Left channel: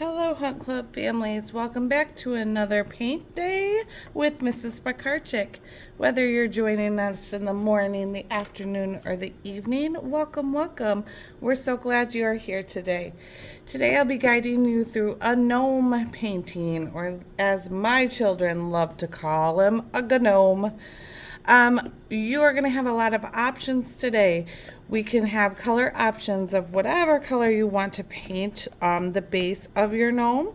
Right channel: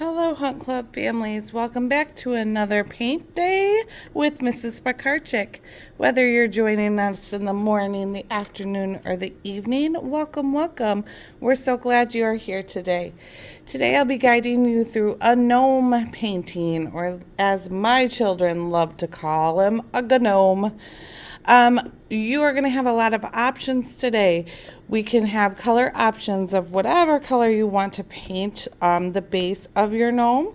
Hello, Hunt Club families. Welcome back to another paint day with Mrs. Piekarczyk. Whether you're joining us in the morning, the afternoon, or the evening, welcome, welcome. We're so glad you are here today. Today I'll be guiding you through a gnome painting, or as my children love to call him, a gnome. You are going to have a lot of options today. We can have color options of whatever color you want to paint the base of your gnome.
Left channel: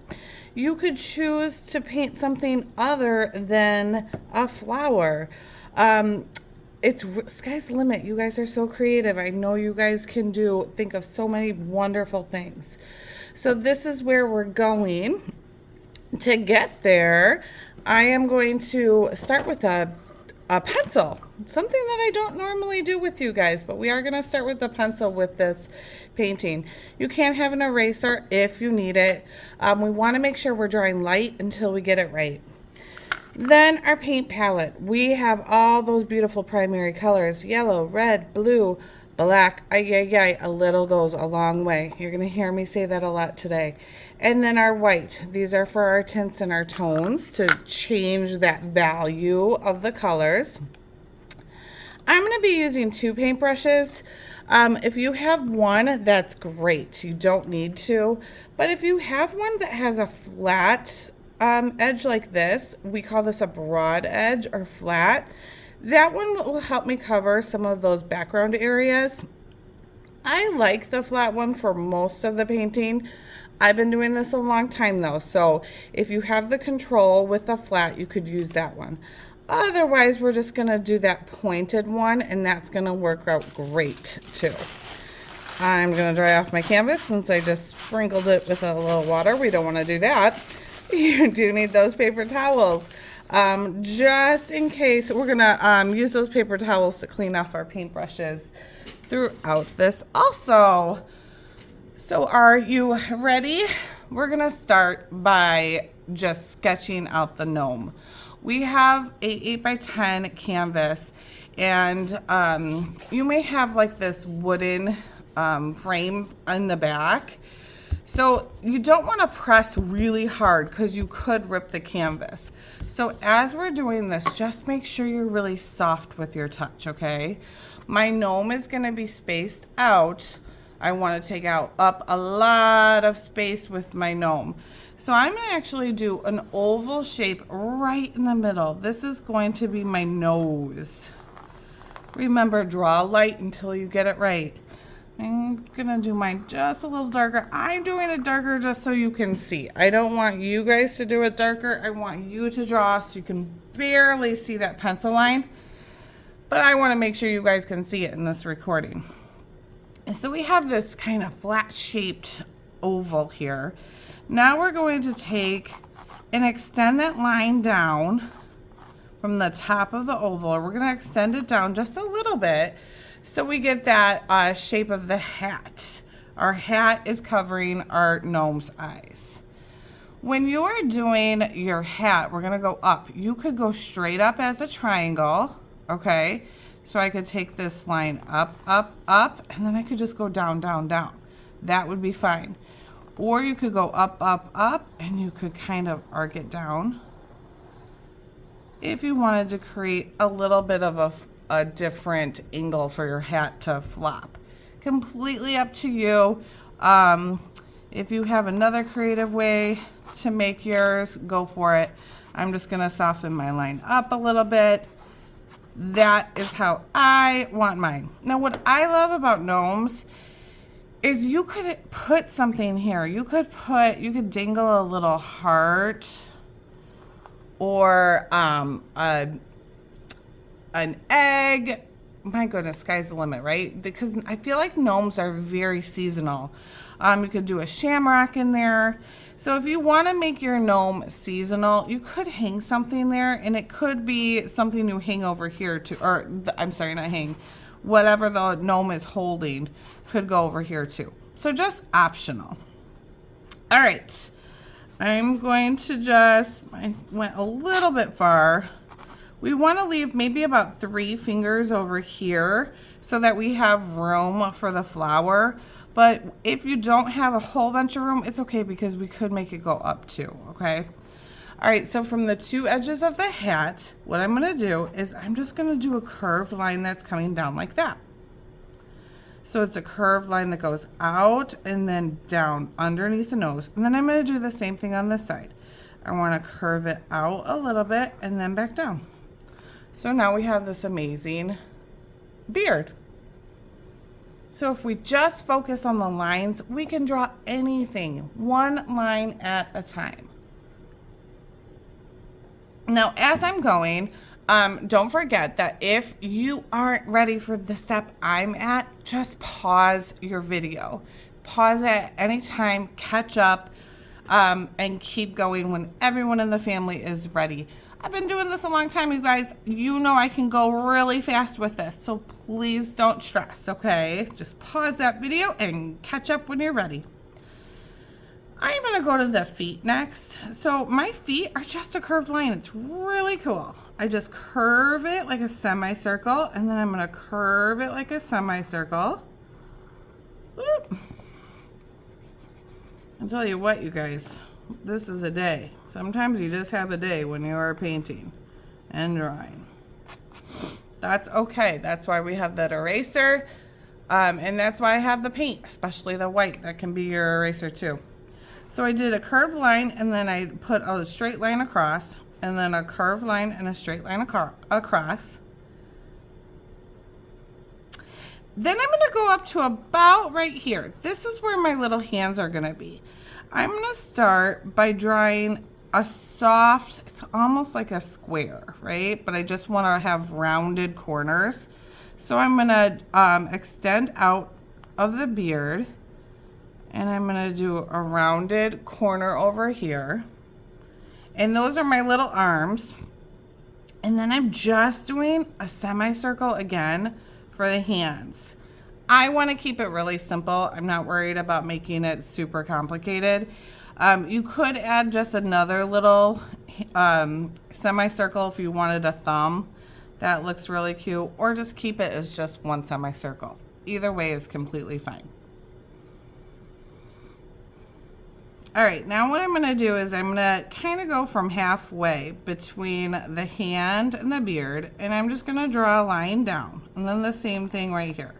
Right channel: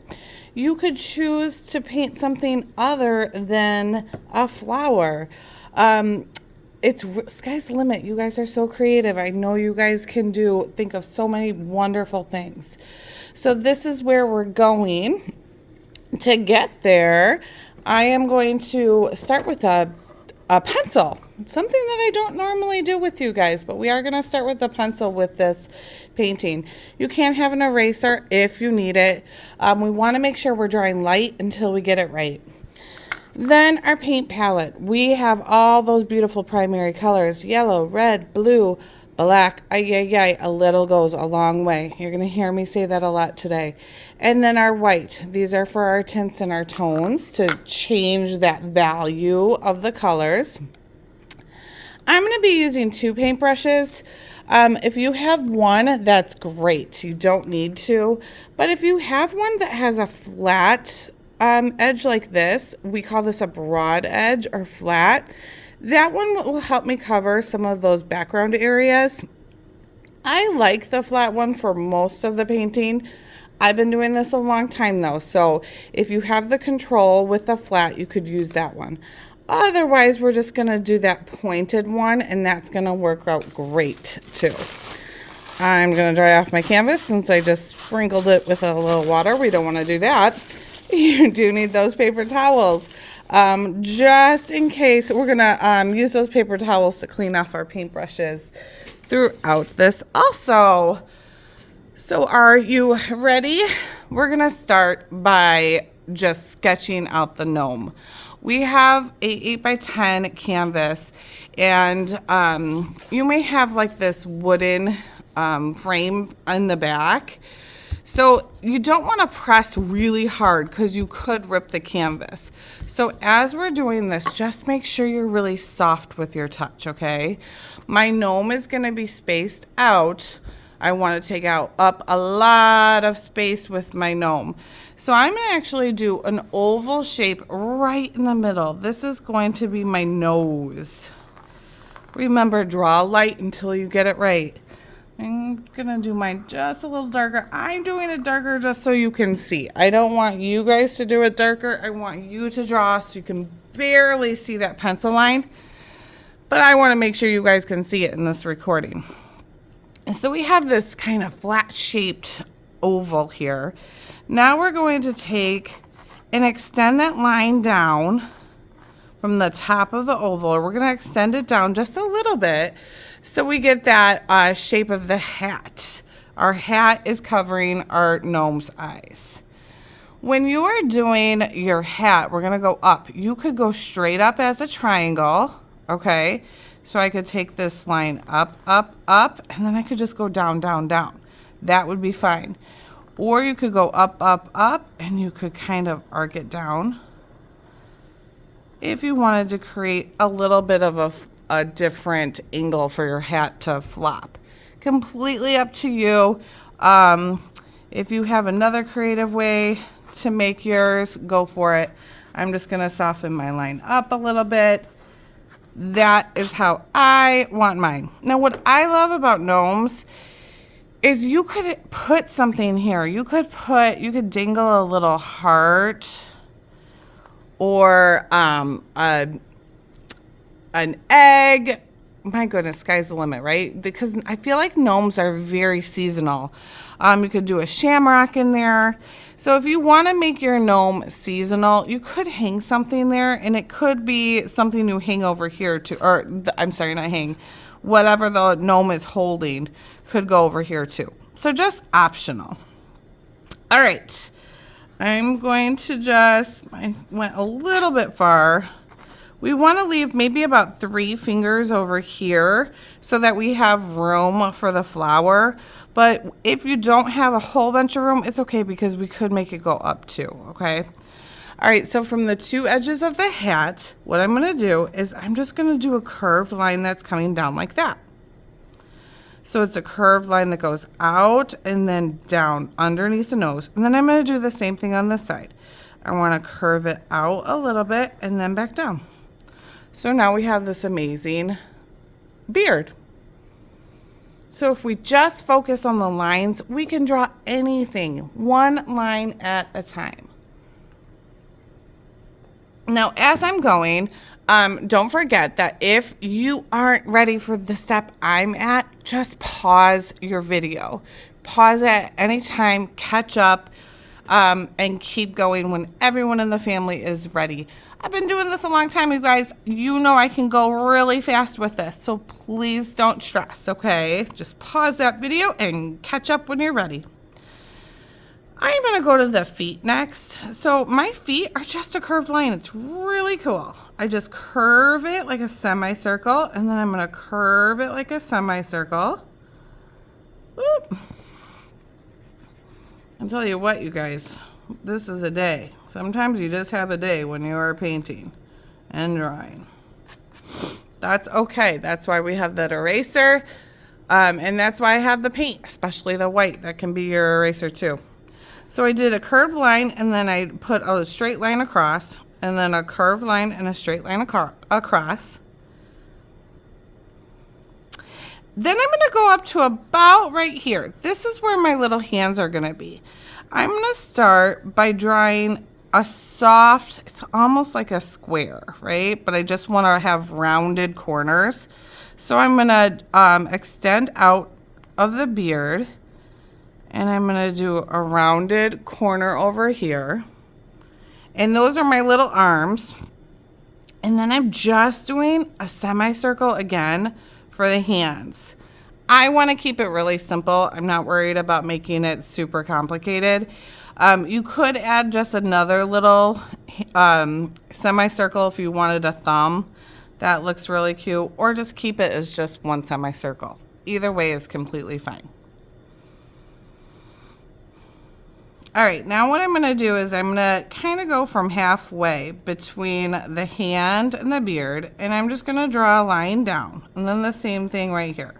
You could choose to paint something other than a flower. It's sky's the limit. You guys are so creative. I know you guys can think of so many wonderful things. So this is where we're going. To get there, I am going to start with a pencil, something that I don't normally do with you guys, but we are going to start with a pencil with this painting. You can have an eraser if you need it. We want to make sure we're drawing light until we get it right. Then our paint palette. We have all those beautiful primary colors: yellow, red, blue, black. A little goes a long way. You're going to hear me say that a lot today. And then our white. These are for our tints and our tones to change that value of the colors. I'm going to be using two paintbrushes. If you have one, that's great. You don't need to. But if you have one that has a flat edge like this, we call this a broad edge or flat. That one will help me cover some of those background areas. I like the flat one for most of the painting. I've been doing this a long time though, so if you have the control with the flat, you could use that one. Otherwise, we're just gonna do that pointed one, and that's gonna work out great too. I'm gonna dry off my canvas since I just sprinkled it with a little water. We don't wanna do that. You do need those paper towels. Just in case, we're gonna use those paper towels to clean off our paintbrushes throughout this also. So are you ready? We're gonna start by just sketching out the gnome. We have a 8x10 canvas, and you may have like this wooden frame on the back. So you don't want to press really hard because you could rip the canvas. So as we're doing this, just make sure you're really soft with your touch, okay? My gnome is going to be spaced out. I want to take up a lot of space with my gnome. So I'm going to actually do an oval shape right in the middle. This is going to be my nose. Remember, draw light until you get it right. I'm gonna do mine just a little darker. I'm doing it darker just so you can see. I don't want you guys to do it darker. I want you to draw so you can barely see that pencil line. But I want to make sure you guys can see it in this recording. And so we have this kind of flat shaped oval here. Now we're going to take and extend that line down from the top of the oval. We're going to extend it down just a little bit so we get that shape of the hat. Our hat is covering our gnome's eyes. When you are doing your hat, we're going to go up. You could go straight up as a triangle, okay? So I could take this line up, up, up, and then I could just go down, down, down. That would be fine. Or you could go up, up, up, and you could kind of arc it down if you wanted to create a little bit of a different angle for your hat to flop. Completely up to you. If you have another creative way to make yours, go for it. I'm just going to soften my line up a little bit. That is how I want mine. Now, what I love about gnomes is you could put something here. You could dangle a little heart, or an egg. My goodness, sky's the limit, right? Because I feel like gnomes are very seasonal. You could do a shamrock in there. So if you want to make your gnome seasonal, you could hang something there, and it could be something you hang over here too, or I'm sorry, not hang. Whatever the gnome is holding could go over here too. So just optional. All right. I'm going to I went a little bit far. We want to leave maybe about 3 fingers over here so that we have room for the flower. But if you don't have a whole bunch of room, it's okay because we could make it go up too, okay? All right, so from the two edges of the hat, what I'm gonna do is I'm just gonna do a curved line that's coming down like that. So it's a curved line that goes out and then down underneath the nose. And then I'm gonna do the same thing on this side. I wanna curve it out a little bit and then back down. So now we have this amazing beard. So if we just focus on the lines, we can draw anything, one line at a time. Now, as I'm going, don't forget that if you aren't ready for the step I'm at, just pause your video. Pause at any time, catch up, and keep going when everyone in the family is ready. I've been doing this a long time, you guys. You know I can go really fast with this, so please don't stress, okay? Just pause that video and catch up when you're ready. I'm gonna go to the feet next. So my feet are just a curved line. It's really cool. I just curve it like a semicircle, and then I'm gonna curve it like a semicircle. Whoop. I'll tell you what, you guys, this is a day. Sometimes you just have a day when you are painting and drawing. That's okay. That's why we have that eraser, and that's why I have the paint, especially the white. That can be your eraser too. So I did a curved line, and then I put a straight line across, and then a curved line and a straight line across. Then I'm gonna go up to about right here. This is where my little hands are gonna be. I'm gonna start by drawing a soft, it's almost like a square, right? But I just wanna have rounded corners. So I'm gonna extend out of the beard, and I'm gonna do a rounded corner over here. And those are my little arms. And then I'm just doing a semicircle again for the hands. I wanna keep it really simple. I'm not worried about making it super complicated. You could add just another little semicircle if you wanted a thumb. That looks really cute. Or just keep it as just one semicircle. Either way is completely fine. All right, now what I'm gonna do is I'm gonna kind of go from halfway between the hand and the beard, and I'm just gonna draw a line down, and then the same thing right here.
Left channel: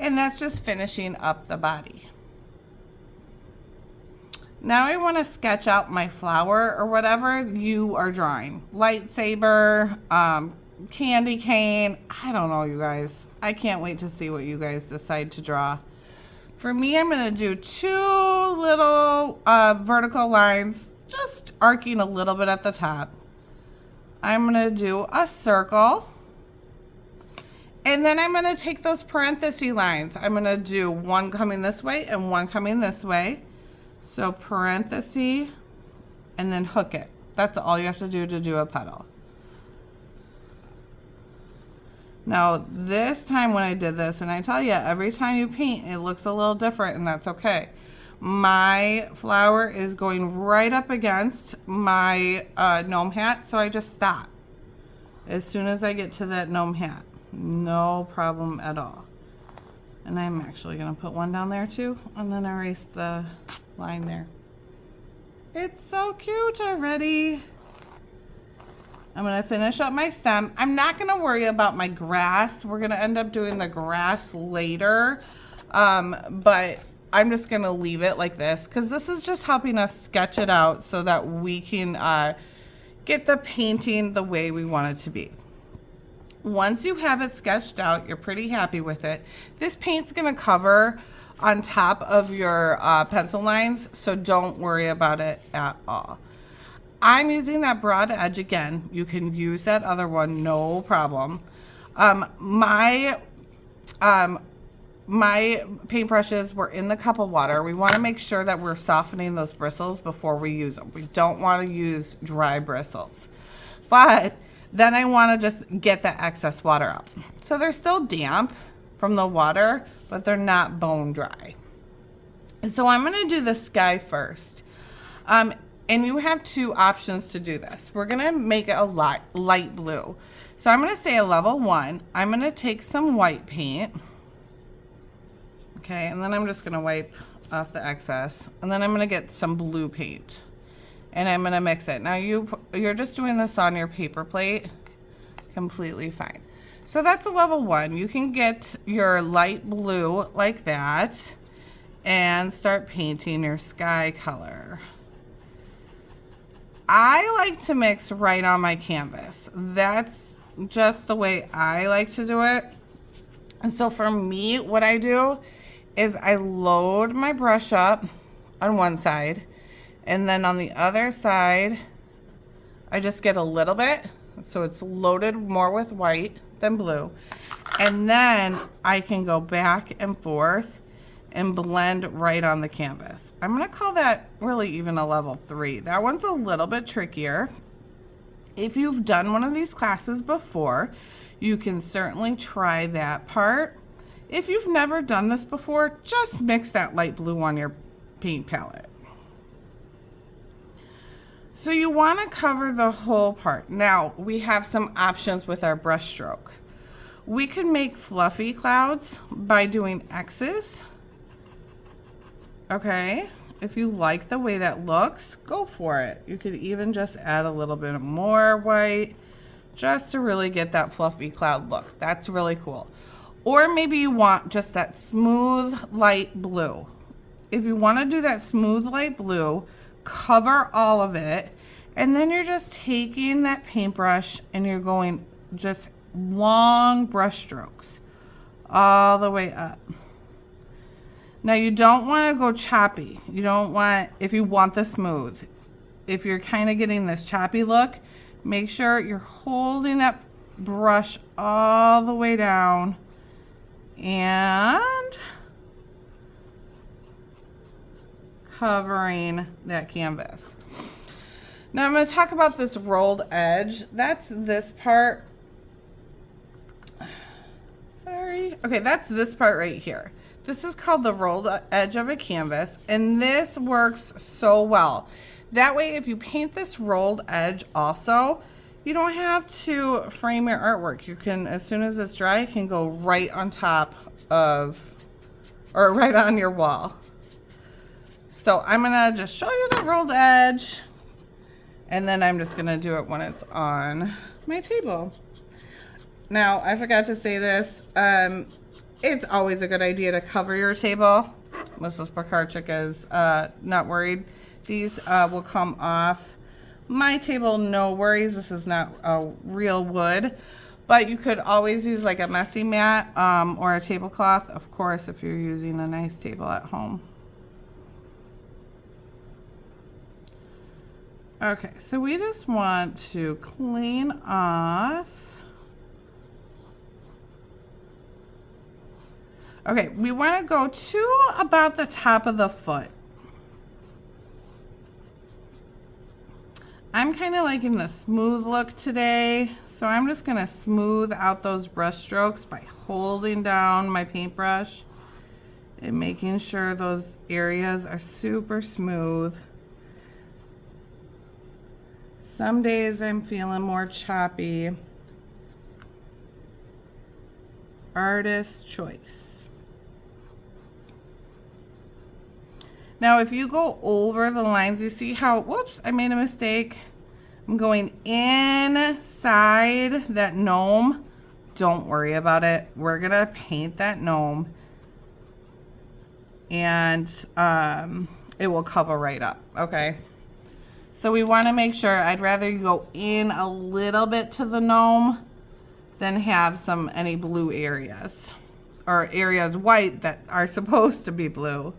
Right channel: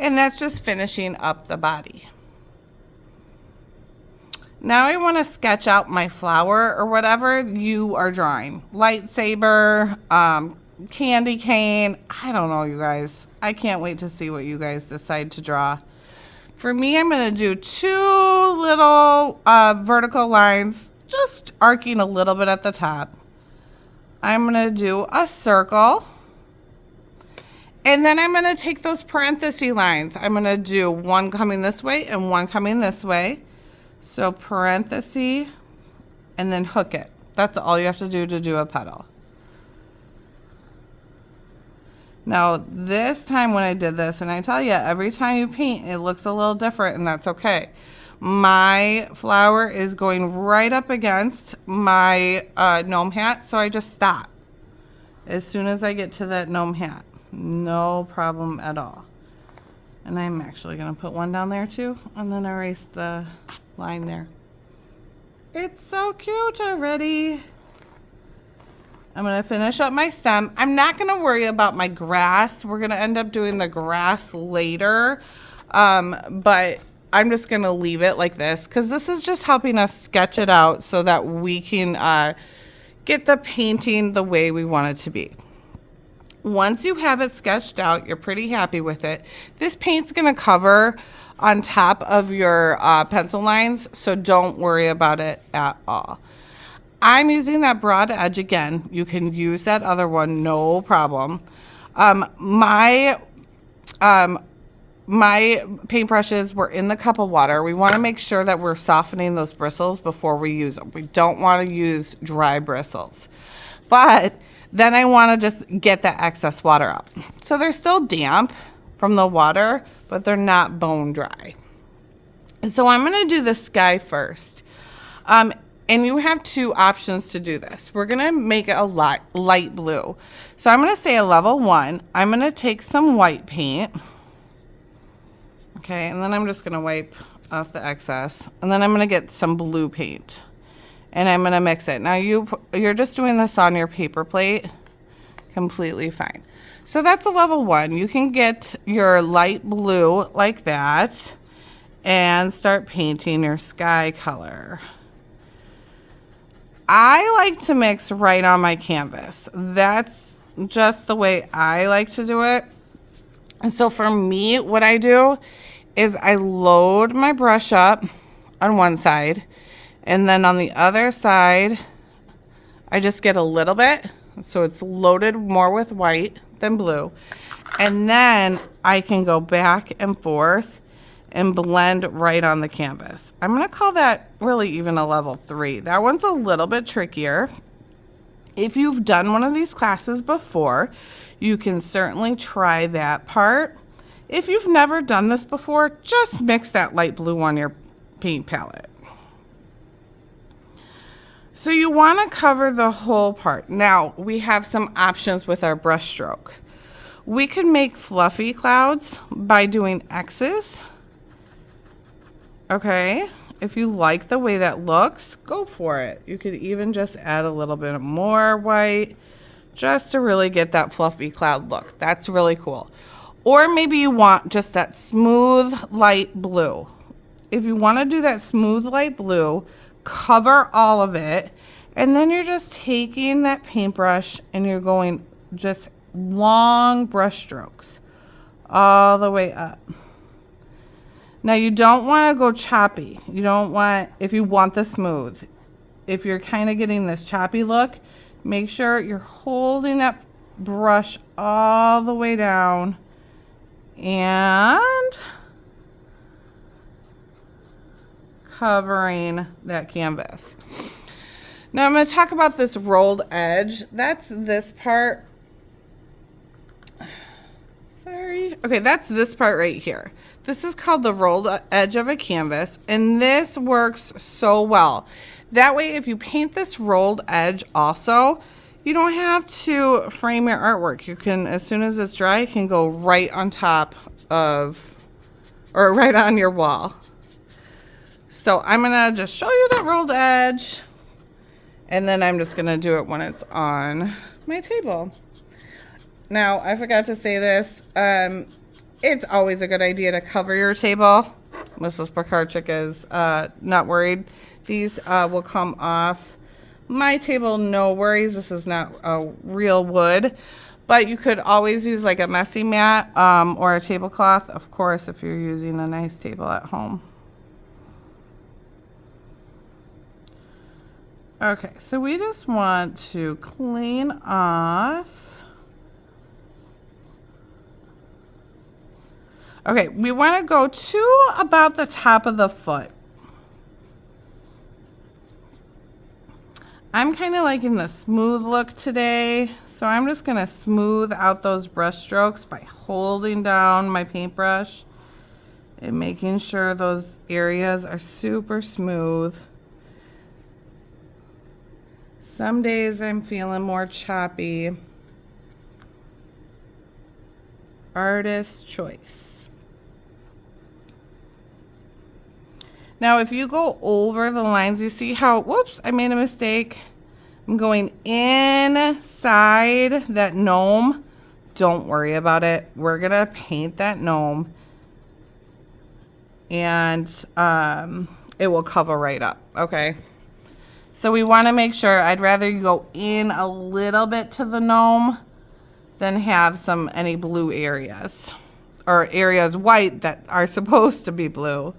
And that's just finishing up the body. Now I wanna sketch out my flower or whatever you are drawing. Lightsaber, candy cane, I don't know, you guys. I can't wait to see what you guys decide to draw. For me, I'm gonna do two little vertical lines, just arcing a little bit at the top. I'm gonna do a circle. And then I'm gonna take those parenthesis lines. I'm gonna do one coming this way and one coming this way. So parenthesis, and then hook it. That's all you have to do a petal. Now, this time when I did this, and I tell you, every time you paint, it looks a little different, and that's okay. My flower is going right up against my gnome hat, so I just stop as soon as I get to that gnome hat. No problem at all. And I'm actually going to put one down there too, and then erase the line there. It's so cute already. I'm gonna finish up my stem. I'm not gonna worry about my grass. We're gonna end up doing the grass later, but I'm just gonna leave it like this because this is just helping us sketch it out so that we can get the painting the way we want it to be. Once you have it sketched out, you're pretty happy with it. This paint's gonna cover on top of your pencil lines, so don't worry about it at all. I'm using that broad edge again. You can use that other one, no problem. My paintbrushes were in the cup of water. We want to make sure that we're softening those bristles before we use them. We don't want to use dry bristles. But then I want to just get that excess water out. So they're still damp from the water, but they're not bone dry. So I'm going to do the sky first. And you have two options to do this. We're gonna make it a light blue. So I'm gonna say a level 1. I'm gonna take some white paint, Okay, and then I'm just gonna wipe off the excess. And then I'm gonna get some blue paint. And I'm gonna mix it. Now you're just doing this on your paper plate. Completely fine. So that's a level 1. You can get your light blue like that and start painting your sky color. I like to mix right on my canvas. That's just the way I like to do it. And so for me, what I do is I load my brush up on one side, and then on the other side, I just get a little bit. So it's loaded more with white than blue. And then I can go back and forth and blend right on the canvas. I'm gonna call that really even a level 3. That one's a little bit trickier. If you've done one of these classes before, you can certainly try that part. If you've never done this before, just mix that light blue on your paint palette. So you want to cover the whole part. Now, we have some options with our brush stroke. We could make fluffy clouds by doing X's. Okay, if you like the way that looks, go for it. You could even just add a little bit more white just to really get that fluffy cloud look. That's really cool. Or maybe you want just that smooth light blue. If you want to do that smooth light blue, cover all of it, and then you're just taking that paintbrush and you're going just long brush strokes all the way up. Now you don't want to go choppy. You don't want, if you want the smooth, if you're kind of getting this choppy look, make sure you're holding that brush all the way down and covering that canvas. Now I'm going to talk about this rolled edge. That's this part. Sorry. Okay, that's this part right here. This is called the rolled edge of a canvas, and this works so well. That way, if you paint this rolled edge also, you don't have to frame your artwork. You can, as soon as it's dry, it can go right on top of, or right on your wall. So I'm gonna just show you the rolled edge, and then I'm just gonna do it when it's on my table. Now, I forgot to say this. It's always a good idea to cover your table. Mrs. Piekarczyk is not worried. These will come off my table, no worries. This is not a real wood, but you could always use like a messy mat or a tablecloth, of course, if you're using a nice table at home. Okay, so we just want to clean off. Okay, we want to go to about the top of the foot. I'm kind of liking the smooth look today, so I'm just going to smooth out those brush strokes by holding down my paintbrush and making sure those areas are super smooth. Some days I'm feeling more choppy. Artist's choice. Now, if you go over the lines, you see how, whoops, I made a mistake. I'm going inside that gnome. Don't worry about it. We're going to paint that gnome. And it will cover right up, okay? So we want to make sure, I'd rather you go in a little bit to the gnome than have any blue areas. Or areas white that are supposed to be blue.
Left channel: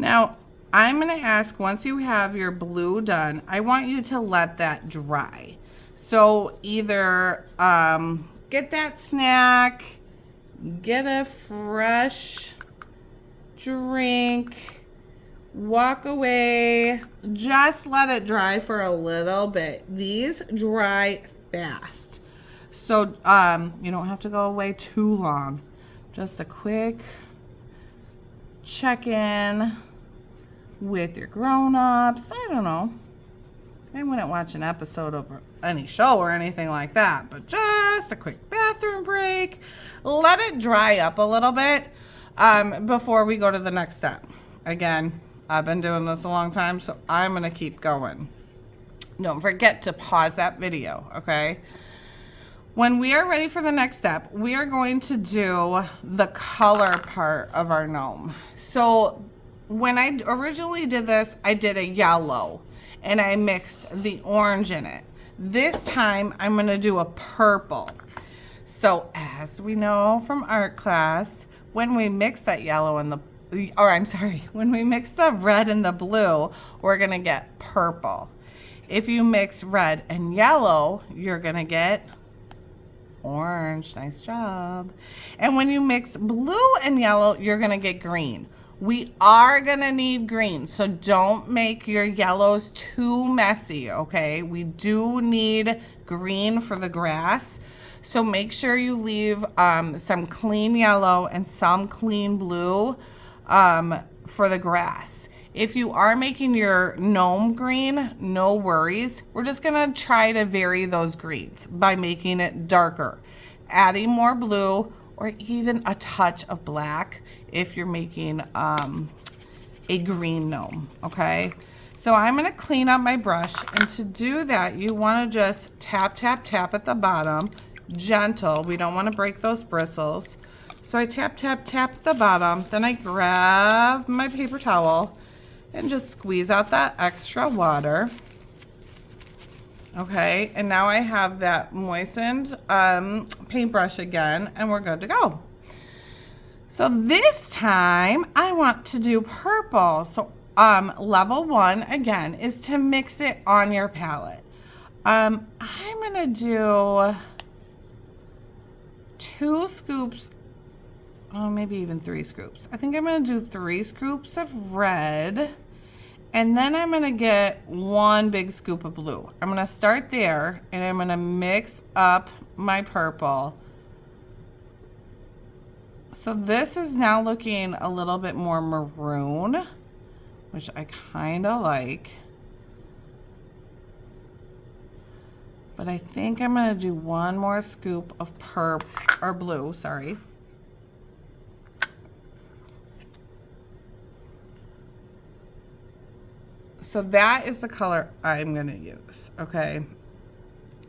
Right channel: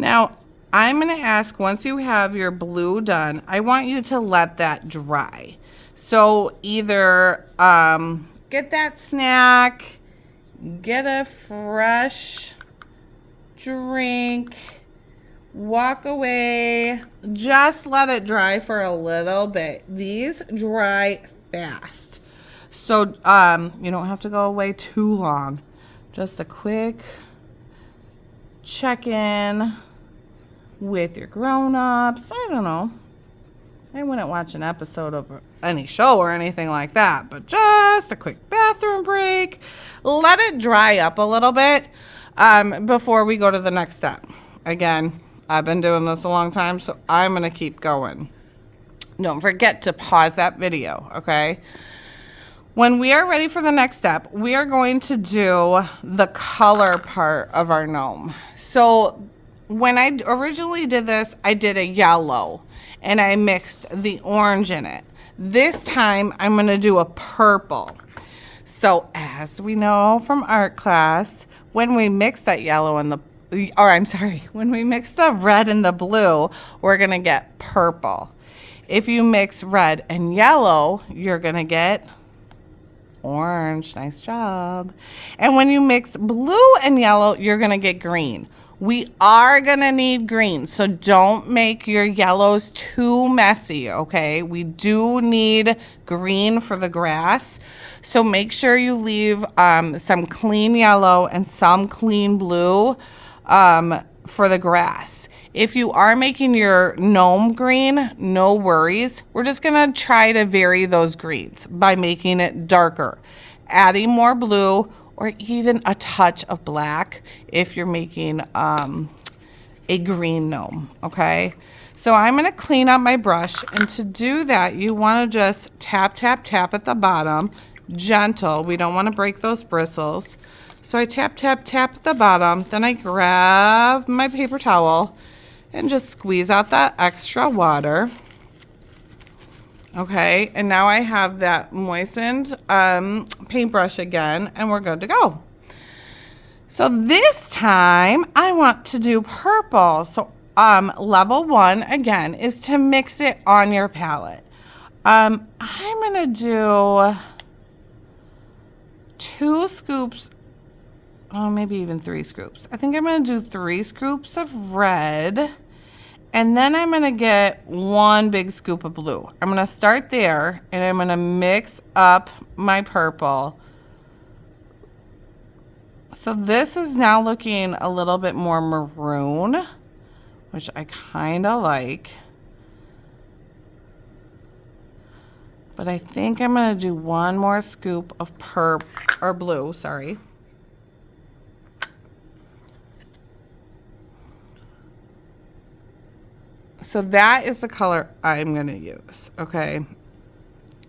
Now, I'm going to ask, once you have your blue done, I want you to let that dry. So either get that snack, get a fresh drink, walk away, just let it dry for a little bit. These dry fast. So you don't have to go away too long. Just a quick check-in. with your grown-ups. I don't know. I wouldn't watch an episode of any show or anything like that, but just a quick bathroom break. Let it dry up a little bit before we go to the next step. Again, I've been doing this a long time, so I'm going to keep going. Don't forget to pause that video, okay? When we are ready for the next step, we are going to do the color part of our gnome. So when I originally did this, I did a yellow and I mixed the orange in it. This time I'm going to do a purple. So as we know from art class, when we mix that yellow and when we mix the red and the blue, we're going to get purple. If you mix red and yellow, you're going to get orange. Nice job. And when you mix blue and yellow, you're going to get green. We are going to need green, so don't make your yellows too messy, okay? We do need green for the grass, so make sure you leave some clean yellow and some clean blue for the grass. If you are making your gnome green, no worries. We're just going to try to vary those greens by making it darker, adding more blue, or even a touch of black if you're making a green gnome, okay? So I'm gonna clean up my brush, and to do that, you wanna just tap, tap, tap at the bottom, gentle. We don't wanna break those bristles. So I tap, tap, tap at the bottom, then I grab my paper towel and just squeeze out that extra water. Okay, and now I have that moistened paintbrush again, and we're good to go. So this time I want to do purple. So level 1 again is to mix it on your palette. I'm gonna do 2 scoops, maybe even 3 scoops. I think I'm gonna do 3 scoops of red. And then I'm gonna get 1 big scoop of blue. I'm gonna start there, and I'm gonna mix up my purple. So this is now looking a little bit more maroon, which I kinda like. But I think I'm gonna do 1 more scoop of blue, sorry. So that is the color I'm going to use, okay?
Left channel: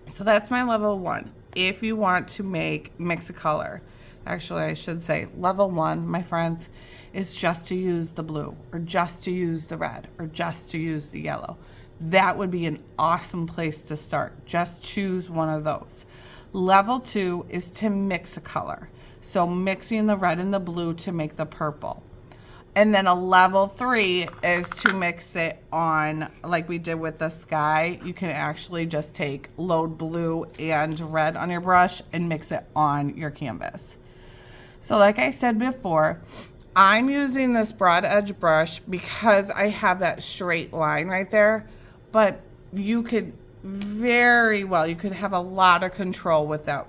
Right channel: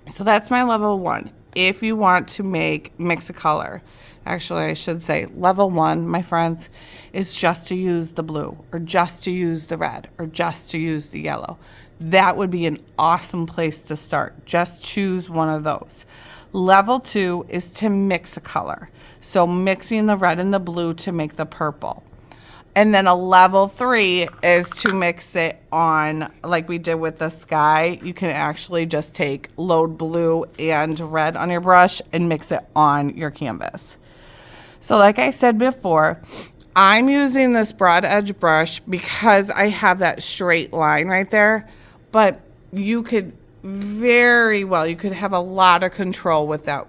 So that's my level 1. If you want to mix a color, actually I should say level 1, my friends, is just to use the blue, or just to use the red, or just to use the yellow. That would be an awesome place to start. Just choose one of those. Level 2 is to mix a color. So mixing the red and the blue to make the purple. And then a level 3 is to mix it on, like we did with the sky. You can actually just take load blue and red on your brush and mix it on your canvas. So like I said before, I'm using this broad edge brush because I have that straight line right there. But you could very well, you could have a lot of control with that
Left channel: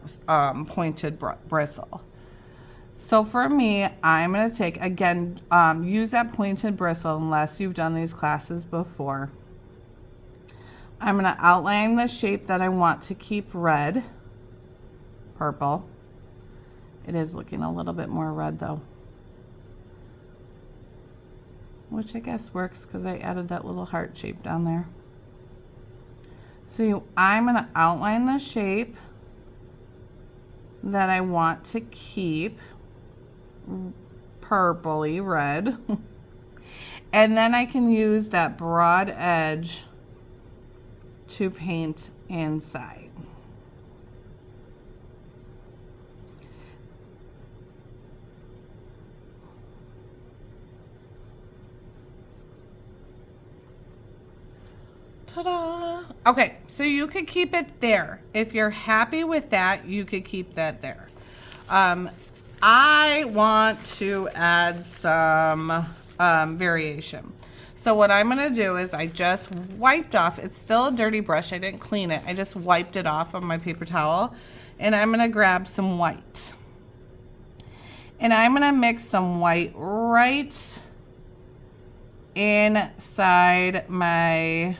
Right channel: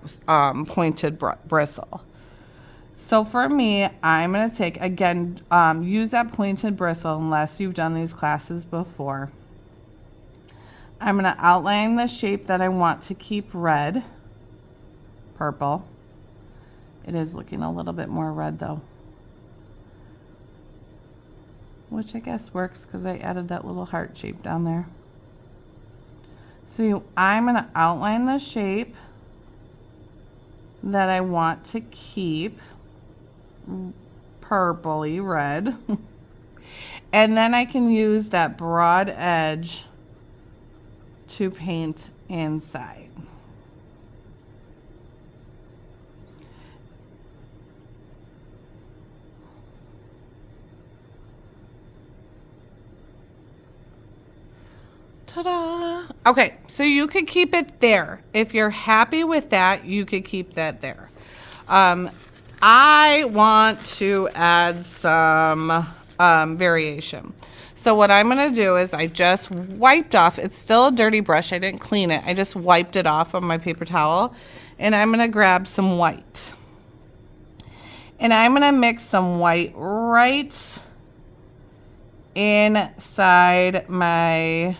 pointed bristle. So for me, I'm going to take, again, use that pointed bristle unless you've done these classes before. I'm going to outline the shape that I want to keep red, purple. It is looking a little bit more red though, which I guess works because I added that little heart shape down there. So I'm going to outline the shape that I want to keep purpley red. And then I can use that broad edge to paint inside. Ta-da! Okay, so you could keep it there. If you're happy with that, you could keep that there. I want to add some variation. So what I'm going to do is I just wiped off, it's still a dirty brush, I didn't clean it, I just wiped it off on my paper towel, and I'm going to grab some white. And I'm going to mix some white right inside my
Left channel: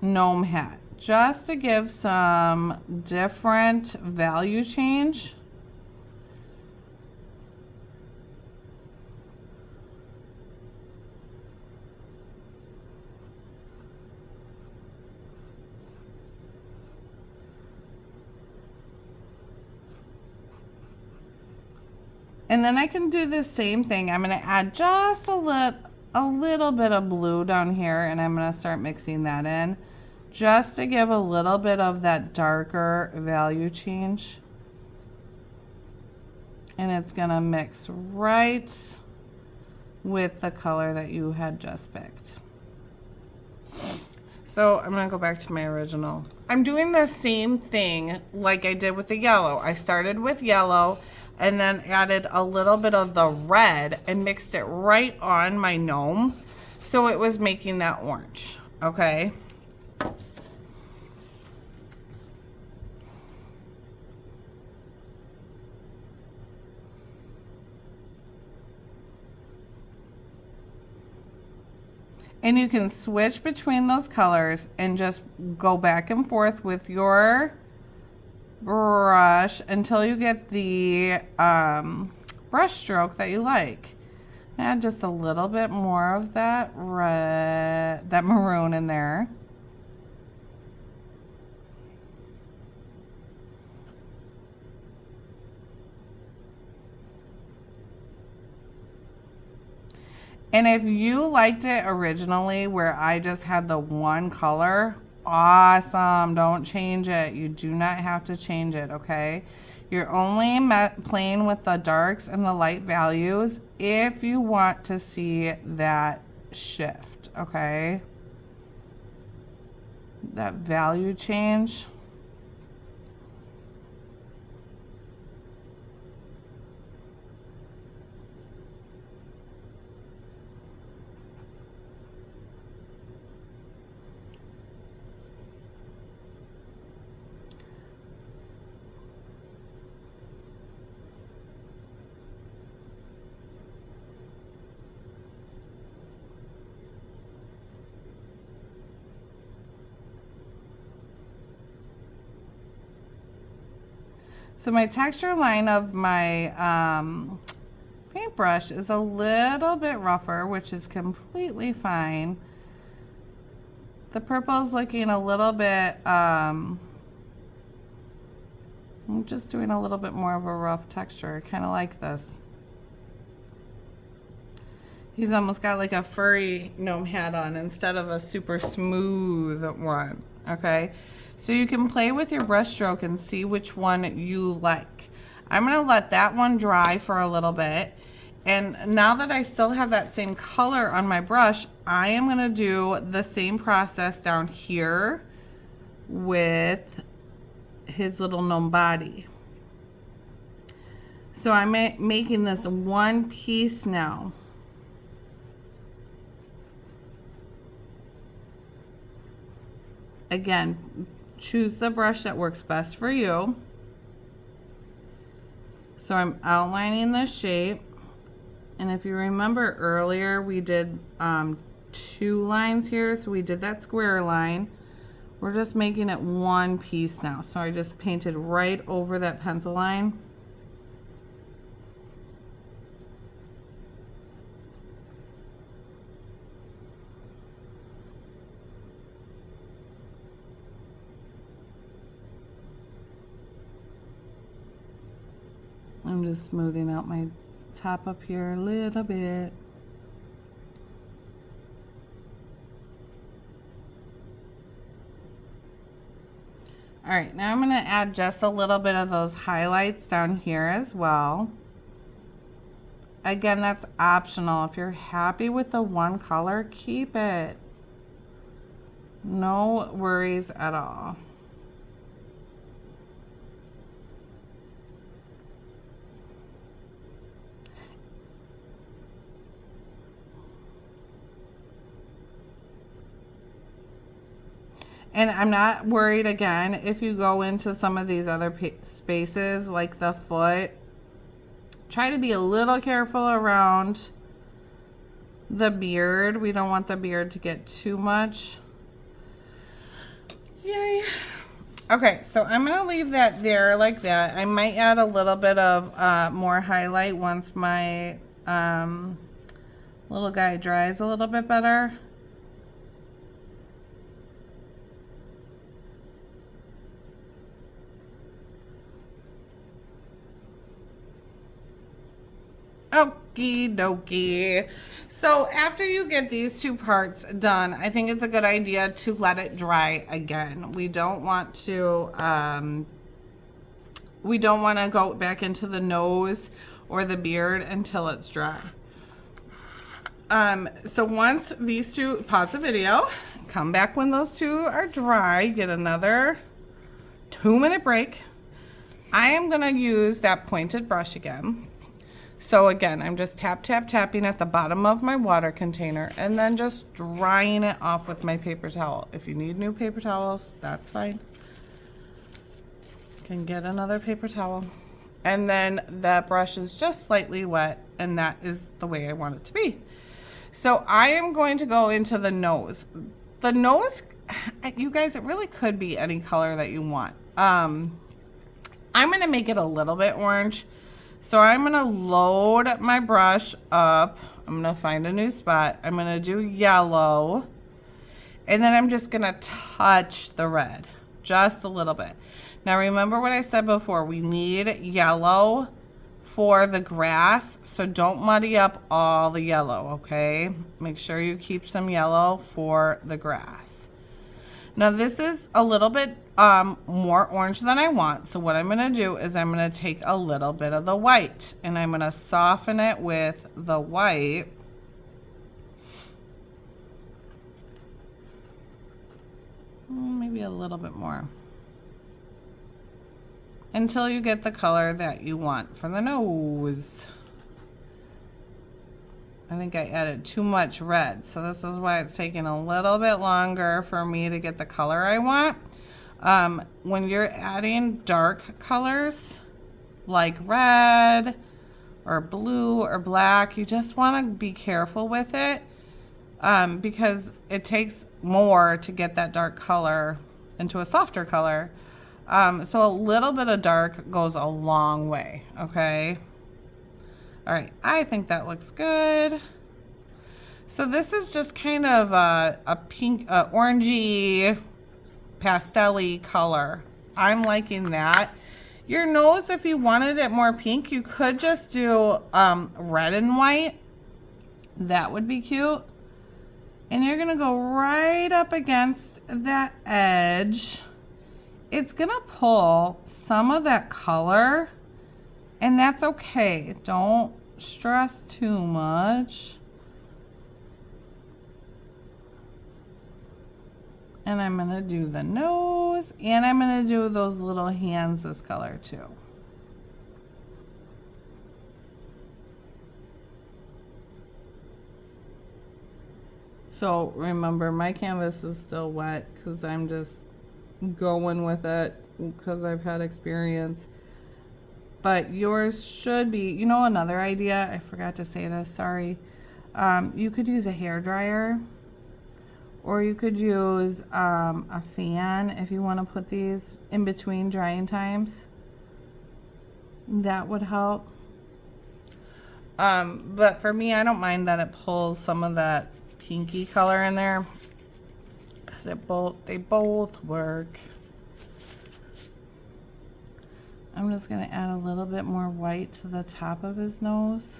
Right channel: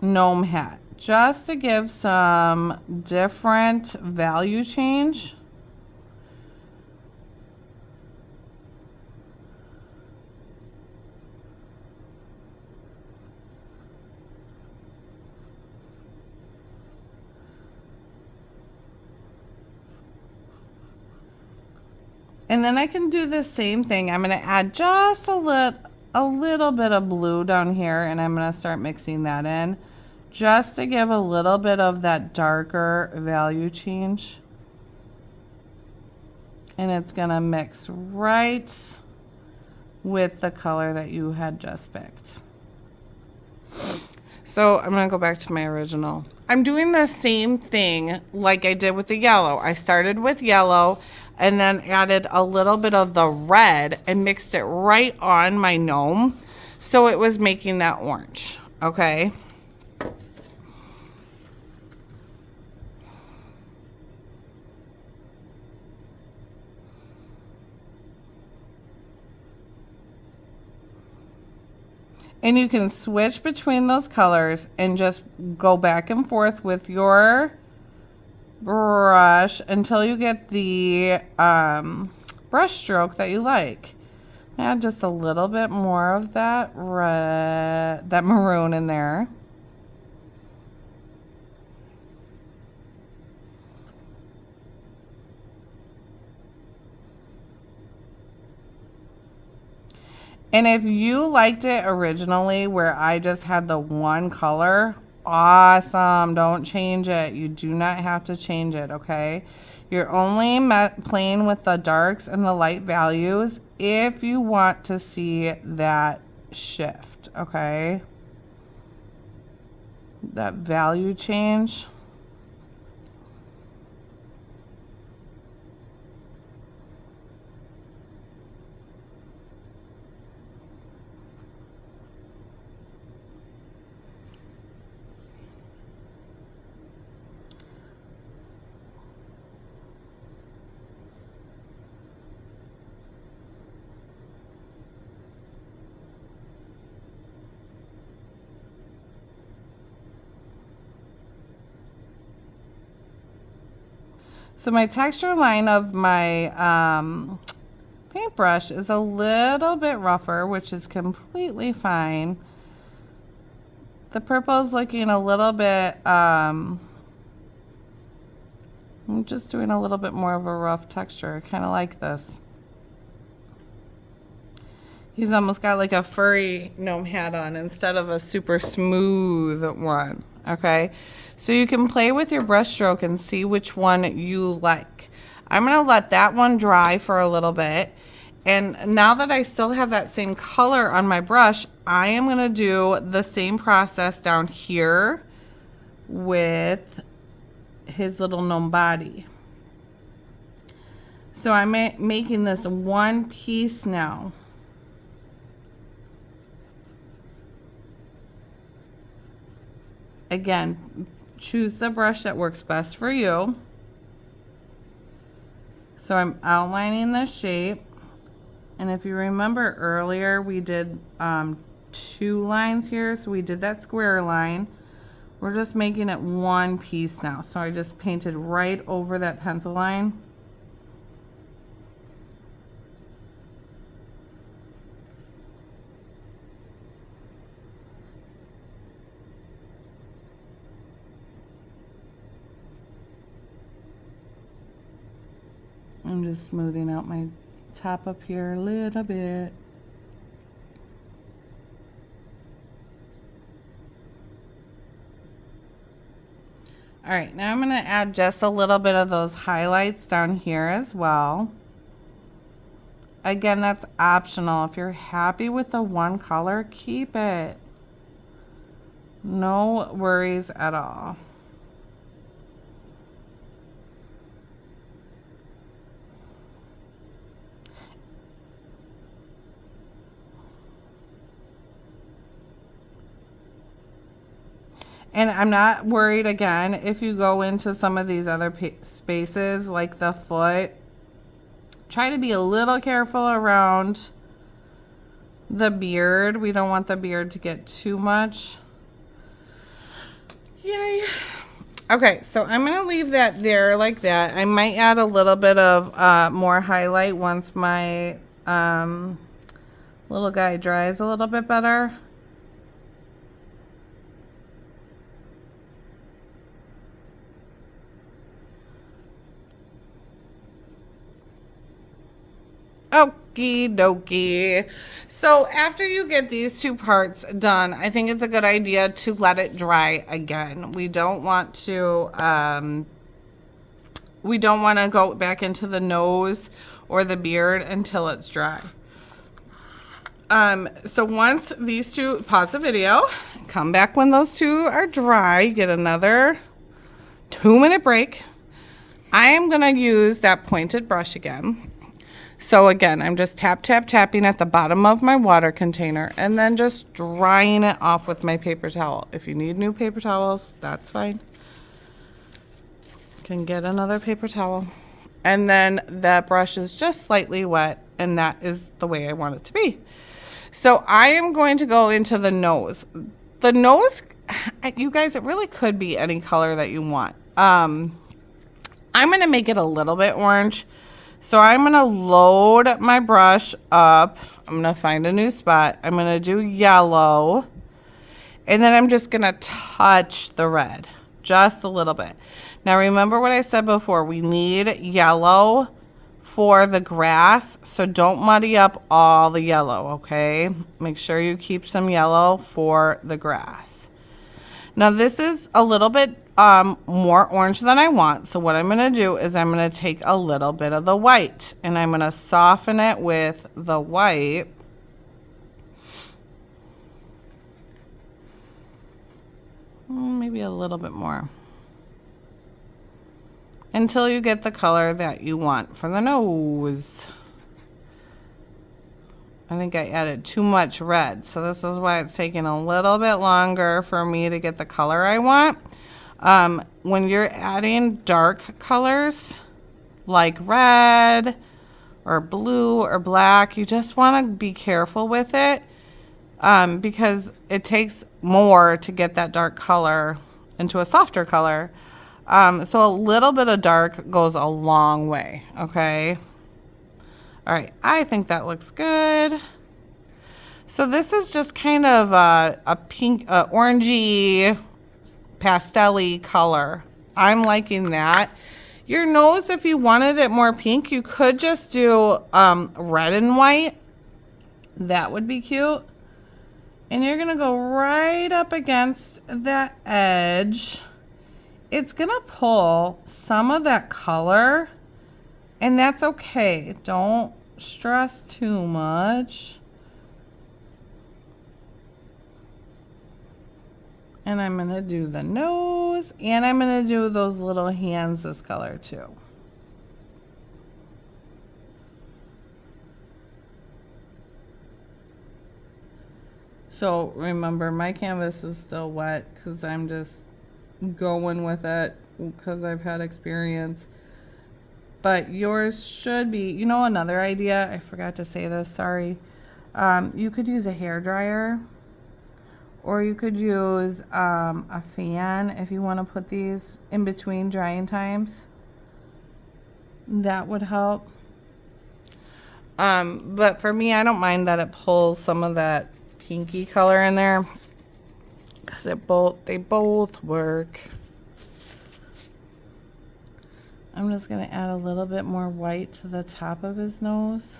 gnome hat, just to give some different value change. And then I can do the same thing. I'm going to add just a little bit of blue down here, and I'm going to start mixing that in just to give a little bit of that darker value change. And it's going to mix right with the color that you had just picked. So I'm going to go back to my original. I'm doing the same thing like I did with the yellow. I started with yellow and then added a little bit of the red and mixed it right on my gnome. So it was making that orange, okay? And you can switch between those colors and just go back and forth with your brush until you get the brush stroke that you like. Add just a little bit more of that red, that maroon in there. And if you liked it originally where I just had the one color, awesome. Don't change it. You do not have to change it, okay? You're only playing with the darks and the light values if you want to see that shift, okay? That value change. So my texture line of my paintbrush is a little bit rougher, which is completely fine. The purple is looking a little bit, I'm just doing a little bit more of a rough texture. I kind of like this. He's almost got like a furry gnome hat on instead of a super smooth one, okay? So you can play with your brush stroke and see which one you like. I'm gonna let that one dry for a little bit. And now that I still have that same color on my brush, I am gonna do the same process down here with his little gnome body. So I'm making this one piece now. Again, choose the brush that works best for you. So I'm outlining the shape. And if you remember earlier, we did 2 lines here. So we did that square line. We're just making it one piece now. So I just painted right over that pencil line. I'm just smoothing out my top up here a little bit. All right, now I'm going to add just a little bit of those highlights down here as well. Again, that's optional. If you're happy with the one color, keep it. No worries at all. And I'm not worried, again, if you go into some of these other spaces like the foot, try to be a little careful around the beard. We don't want the beard to get too much. Yay. Okay, so I'm going to leave that there like that. I might add a little bit of more highlight once my little guy dries a little bit better. Okie dokie. So after you get these two parts done, I think it's a good idea to let it dry again. We don't want to go back into the nose or the beard until it's dry. So once these two, pause the video, come back when those two are dry, get another 2-minute break. I am gonna use that pointed brush again. So again, I'm just tapping at the bottom of my water container and then just drying it off with my paper towel. If you need new paper towels, that's fine. You can get another paper towel. And then that brush is just slightly wet, and that is the way I want it to be. So I am going to go into the nose. The nose, you guys, it really could be any color that you want. I'm gonna make it a little bit orange. So I'm gonna load my brush up. I'm gonna find a new spot. I'm gonna do yellow. And then I'm just gonna touch the red, just a little bit. Now remember what I said before, we need yellow for the grass, so don't muddy up all the yellow, okay? Make sure you keep some yellow for the grass. Now this is a little bit more orange than I want. So what I'm gonna do is I'm gonna take a little bit of the white and I'm gonna soften it with the white. Maybe a little bit more. Until you get the color that you want for the nose. I think I added too much red, so this is why it's taking a little bit longer for me to get the color I want. When you're adding dark colors like red or blue or black, you just want to be careful with it because it takes more to get that dark color into a softer color. So a little bit of dark goes a long way, okay? All right, I think that looks good. So this is just kind of a pink, orangey, pastel-y color. I'm liking that. Your nose, if you wanted it more pink, you could just do red and white. That would be cute. And you're gonna go right up against that edge. It's gonna pull some of that color, and that's okay. Don't stress too much. And I'm gonna do the nose, and I'm gonna do those little hands this color too. So remember, my canvas is still wet because I'm just going with it because I've had experience. But yours should be, you know, another idea, I forgot to say this, sorry. You could use a hair dryer, or you could use a fan if you want to put these in between drying times. That would help. But for me, I don't mind that it pulls some of that pinky color in there because they both work. I'm just going to add a little bit more white to the top of his nose.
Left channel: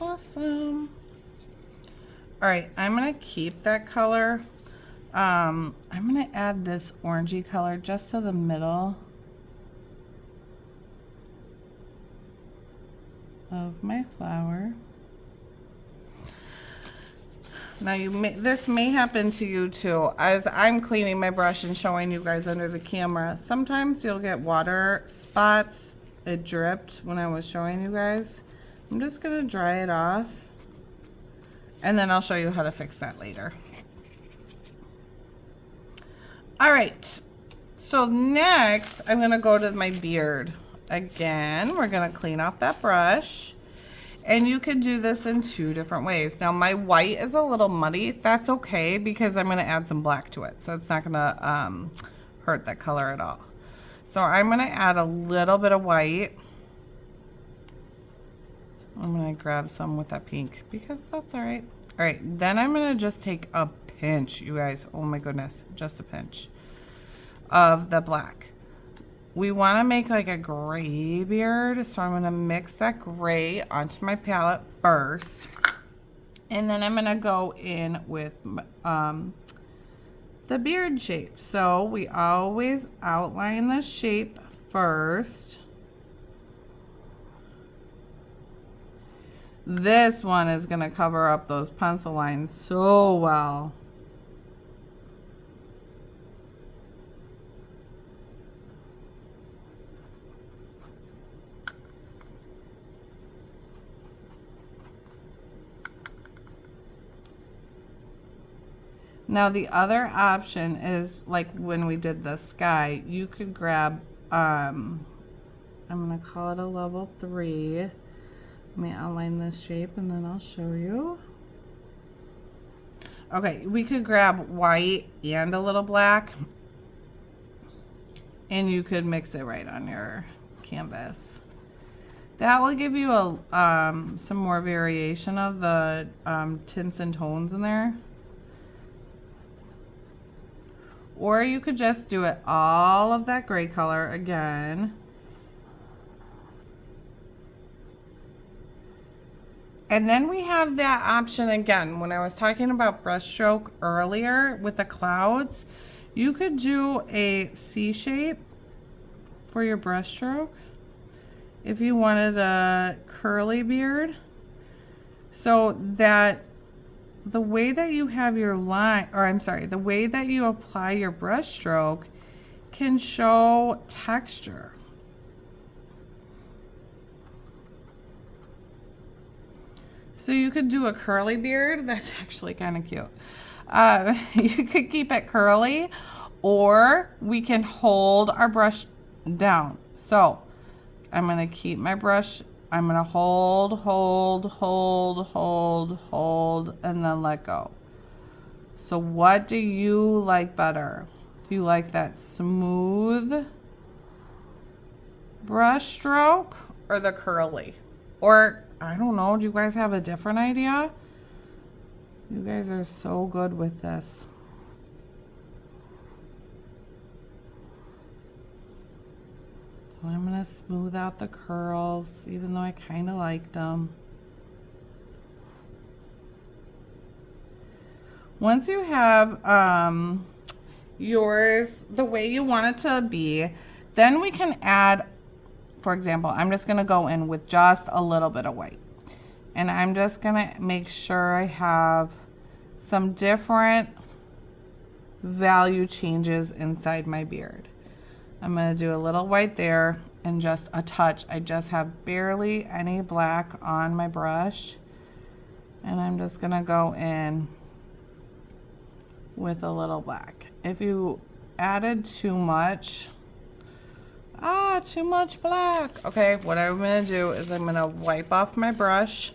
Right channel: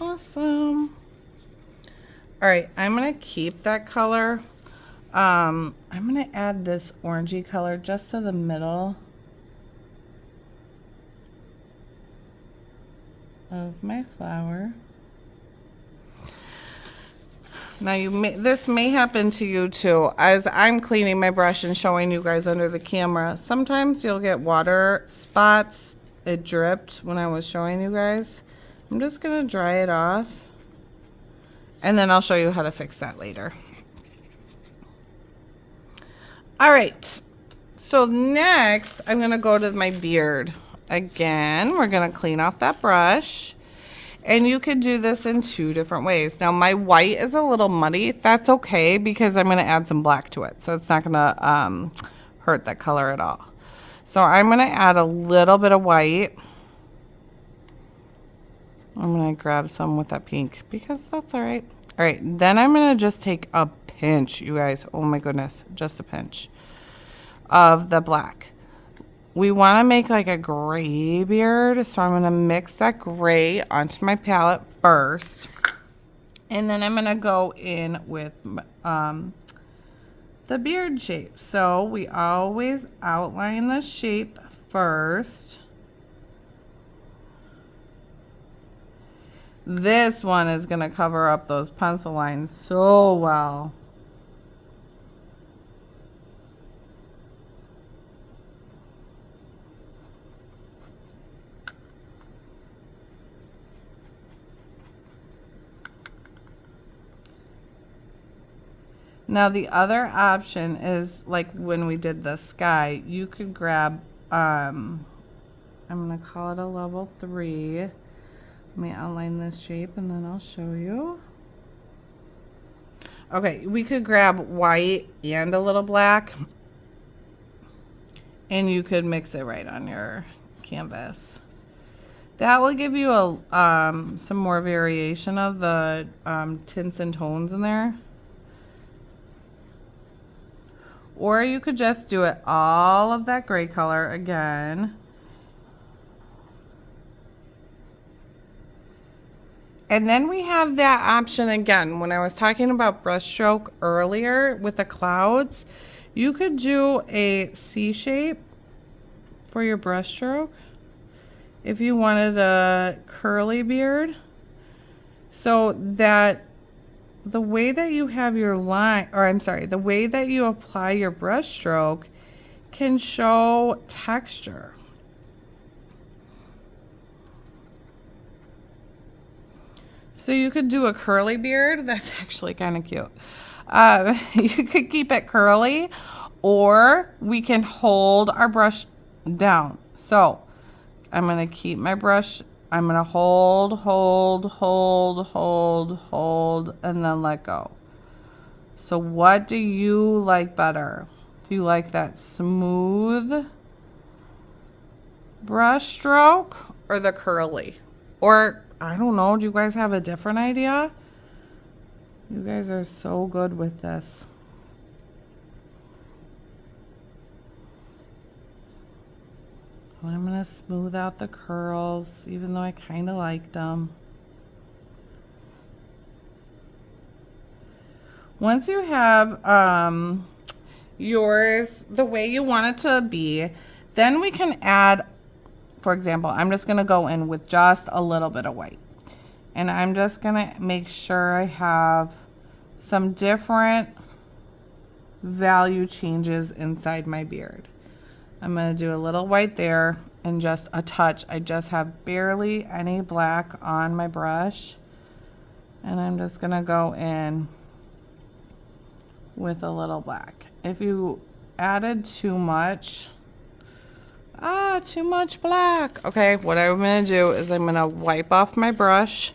Awesome. All right, I'm going to keep that color. I'm going to add this orangey color just to the middle of my flower. Now this may happen to you too. As I'm cleaning my brush and showing you guys under the camera, sometimes you'll get water spots. It dripped when I was showing you guys. I'm just gonna dry it off, and then I'll show you how to fix that later. All right, So next, I'm gonna go to my beard. Again, we're gonna clean off that brush. And you could do this in 2 different ways. Now my white is a little muddy. That's okay because I'm gonna add some black to it. So it's not gonna hurt that color at all. So I'm gonna add a little bit of white. I'm gonna grab some with that pink because that's all right. All right, then I'm gonna just take a pinch, you guys. Oh my goodness, just a pinch of the black. We want to make like a gray beard, so I'm going to mix that gray onto my palette first. And then I'm going to go in with the beard shape. So we always outline the shape first. This one is going to cover up those pencil lines so well. Now the other option is like when we did the sky, you could grab, I'm going to call it a level 3. Let me outline this shape and then I'll show you. Okay, we could grab white and a little black and you could mix it right on your canvas. That will give you a some more variation of the tints and tones in there. Or you could just do it all of that gray color again. And then we have that option again. When I was talking about brush stroke earlier with the clouds, you could do a C shape for your brush stroke if you wanted a curly beard. So that the way that you have your line, or I'm sorry, the way that you apply your brush stroke can show texture. So you could do a curly beard. That's actually kind of cute. You could keep it curly, or we can hold our brush down. So I'm going to keep my brush. I'm going to hold, and then let go. So what do you like better? Do you like that smooth brush stroke or the curly? Or, I don't know, do you guys have a different idea? You guys are so good with this. I'm going to smooth out the curls, even though I kind of liked them. Once you have yours the way you want it to be, then we can add, for example, I'm just going to go in with just a little bit of white. And I'm just going to make sure I have some different value changes inside my beard. I'm going to do a little white there and just a touch. I just have barely any black on my brush. And I'm just going to go in with a little black. If you added too much black. Okay, what I'm going to do is I'm going to wipe off my brush.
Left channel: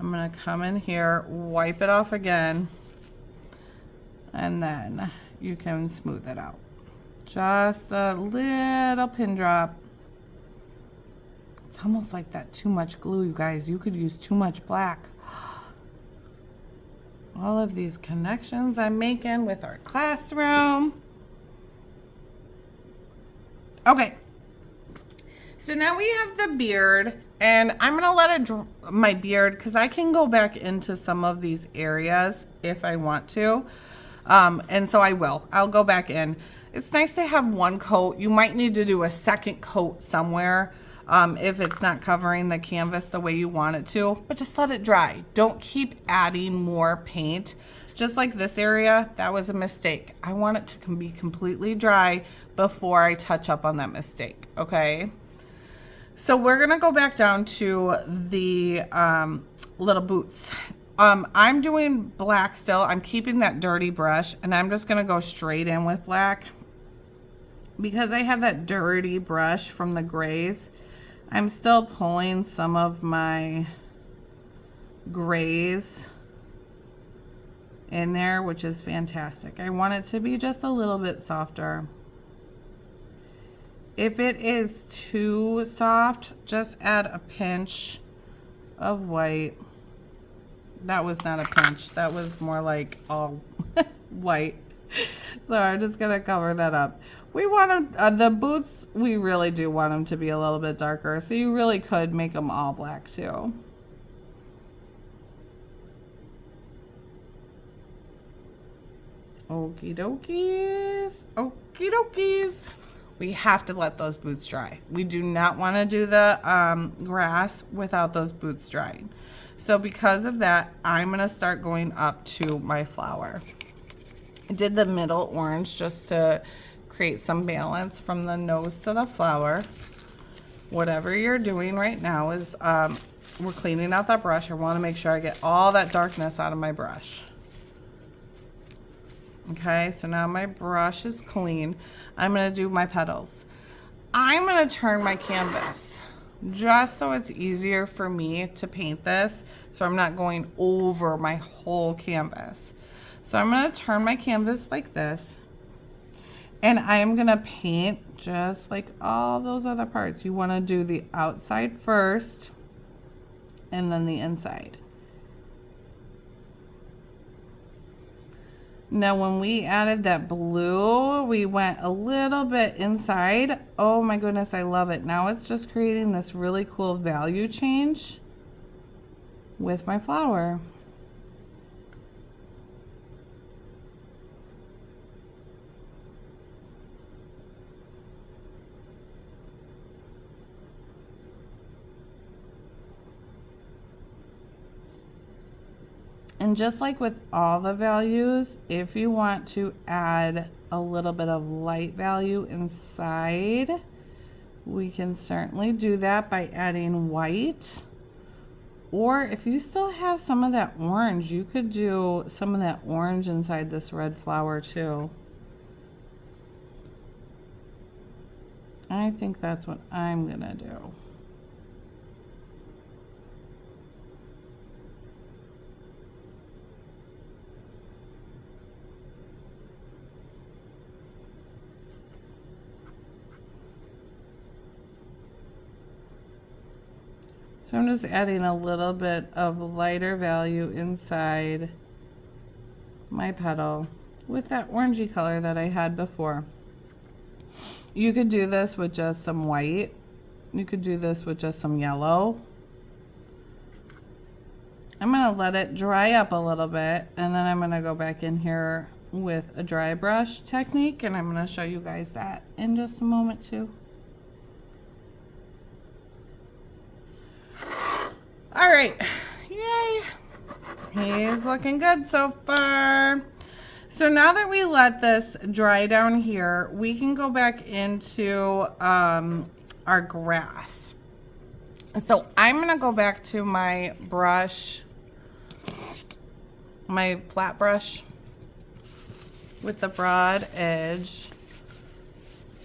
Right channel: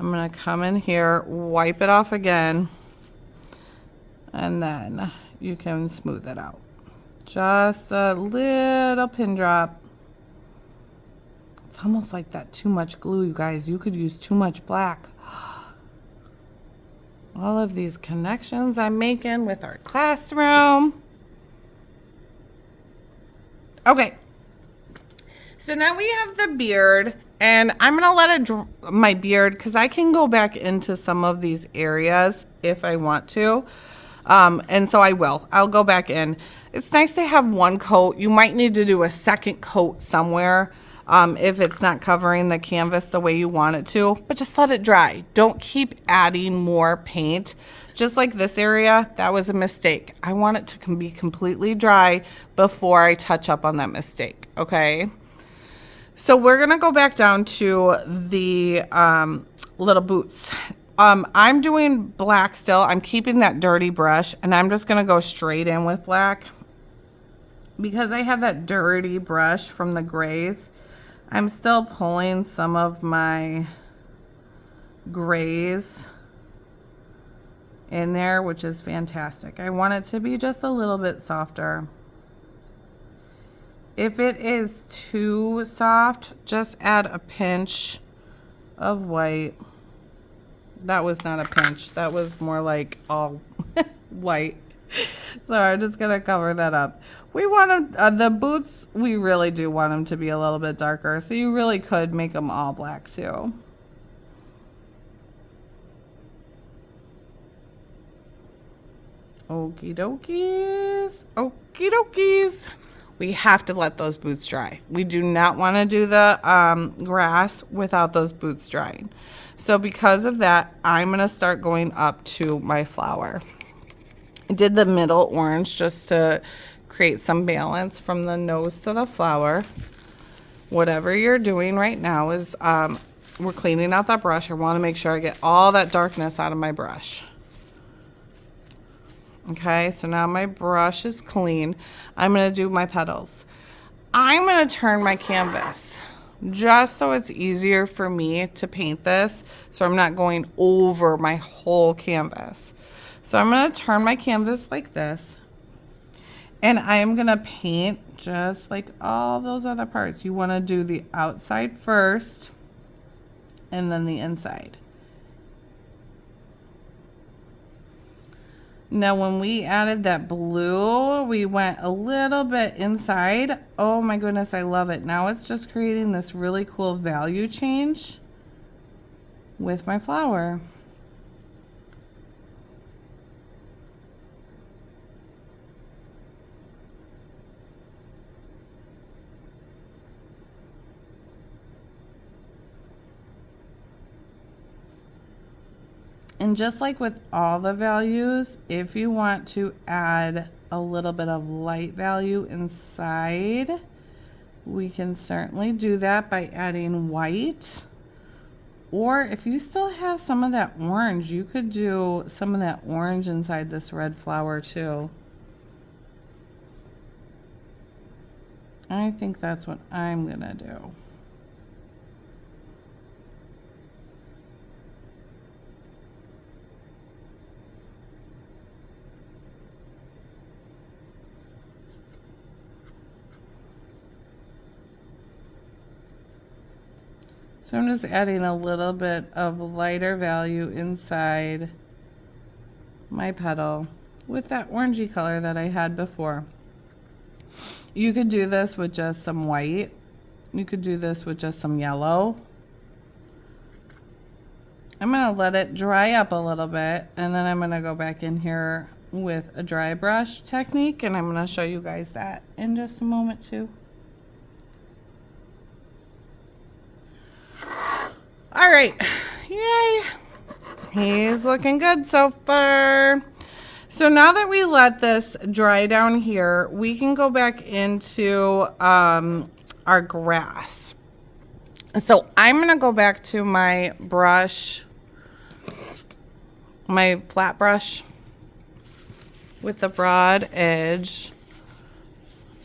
I'm going to come in here, wipe it off again, and then you can smooth it out. Just a little pin drop. It's almost like that too much glue, you guys. You could use too much black. All of these connections I'm making with our classroom. Okay. So now we have the beard, and I'm going to let it dry my beard because I can go back into some of these areas if I want to. And so I will. I'll go back in. It's nice to have one coat. You might need to do a second coat somewhere if it's not covering the canvas the way you want it to. But just let it dry. Don't keep adding more paint. Just like this area, that was a mistake. I want it to be completely dry before I touch up on that mistake, okay? So we're going to go back down to the little boots. I'm doing black still. I'm keeping that dirty brush, and I'm just going to go straight in with black. because I have that dirty brush from the grays, I'm still pulling some of my grays in there, which is fantastic. I want it to be just a little bit softer. If it is too soft, just add a pinch of white. That was not a pinch. That was more like all white. So I'm just gonna cover that up. We want them, the boots, we really do want them to be a little bit darker. So you really could make them all black too. Okie dokies. Okie dokies. We have to let those boots dry. We do not want to do the grass without those boots drying. So because of that, I'm going to start going up to my flower. I did the middle orange just to create some balance from the nose to the flower. Whatever you're doing right now is we're cleaning out that brush. I want to make sure I get all that darkness out of my brush. Okay, so now my brush is clean. I'm going to do my petals. I'm going to turn my canvas just so it's easier for me to paint this, so I'm not going over my whole canvas. So I'm going to turn my canvas like this, and I'm going to paint just like all those other parts. You want to do the outside first and then the inside. Now, when we added that blue, we went a little bit inside. Oh my goodness, I love it. Now it's just creating this really cool value change with my flower. And just like with all the values, if you want to add a little bit of light value inside, we can certainly do that by adding white. Or if you still have some of that orange, you could do some of that orange inside this red flower too. I think that's what I'm gonna do. So I'm just adding a little bit of lighter value inside my petal with that orangey color that I had before. You could do this with just some white. You could do this with just some yellow. I'm going to let it dry up a little bit, and then I'm going to go back in here with a dry brush technique, and I'm going to show you guys that in just a moment too. All right, yay, he's looking good so far. So now that we let this dry down here, we can go back into our grass. So I'm gonna go back to my brush, my flat brush with the broad edge,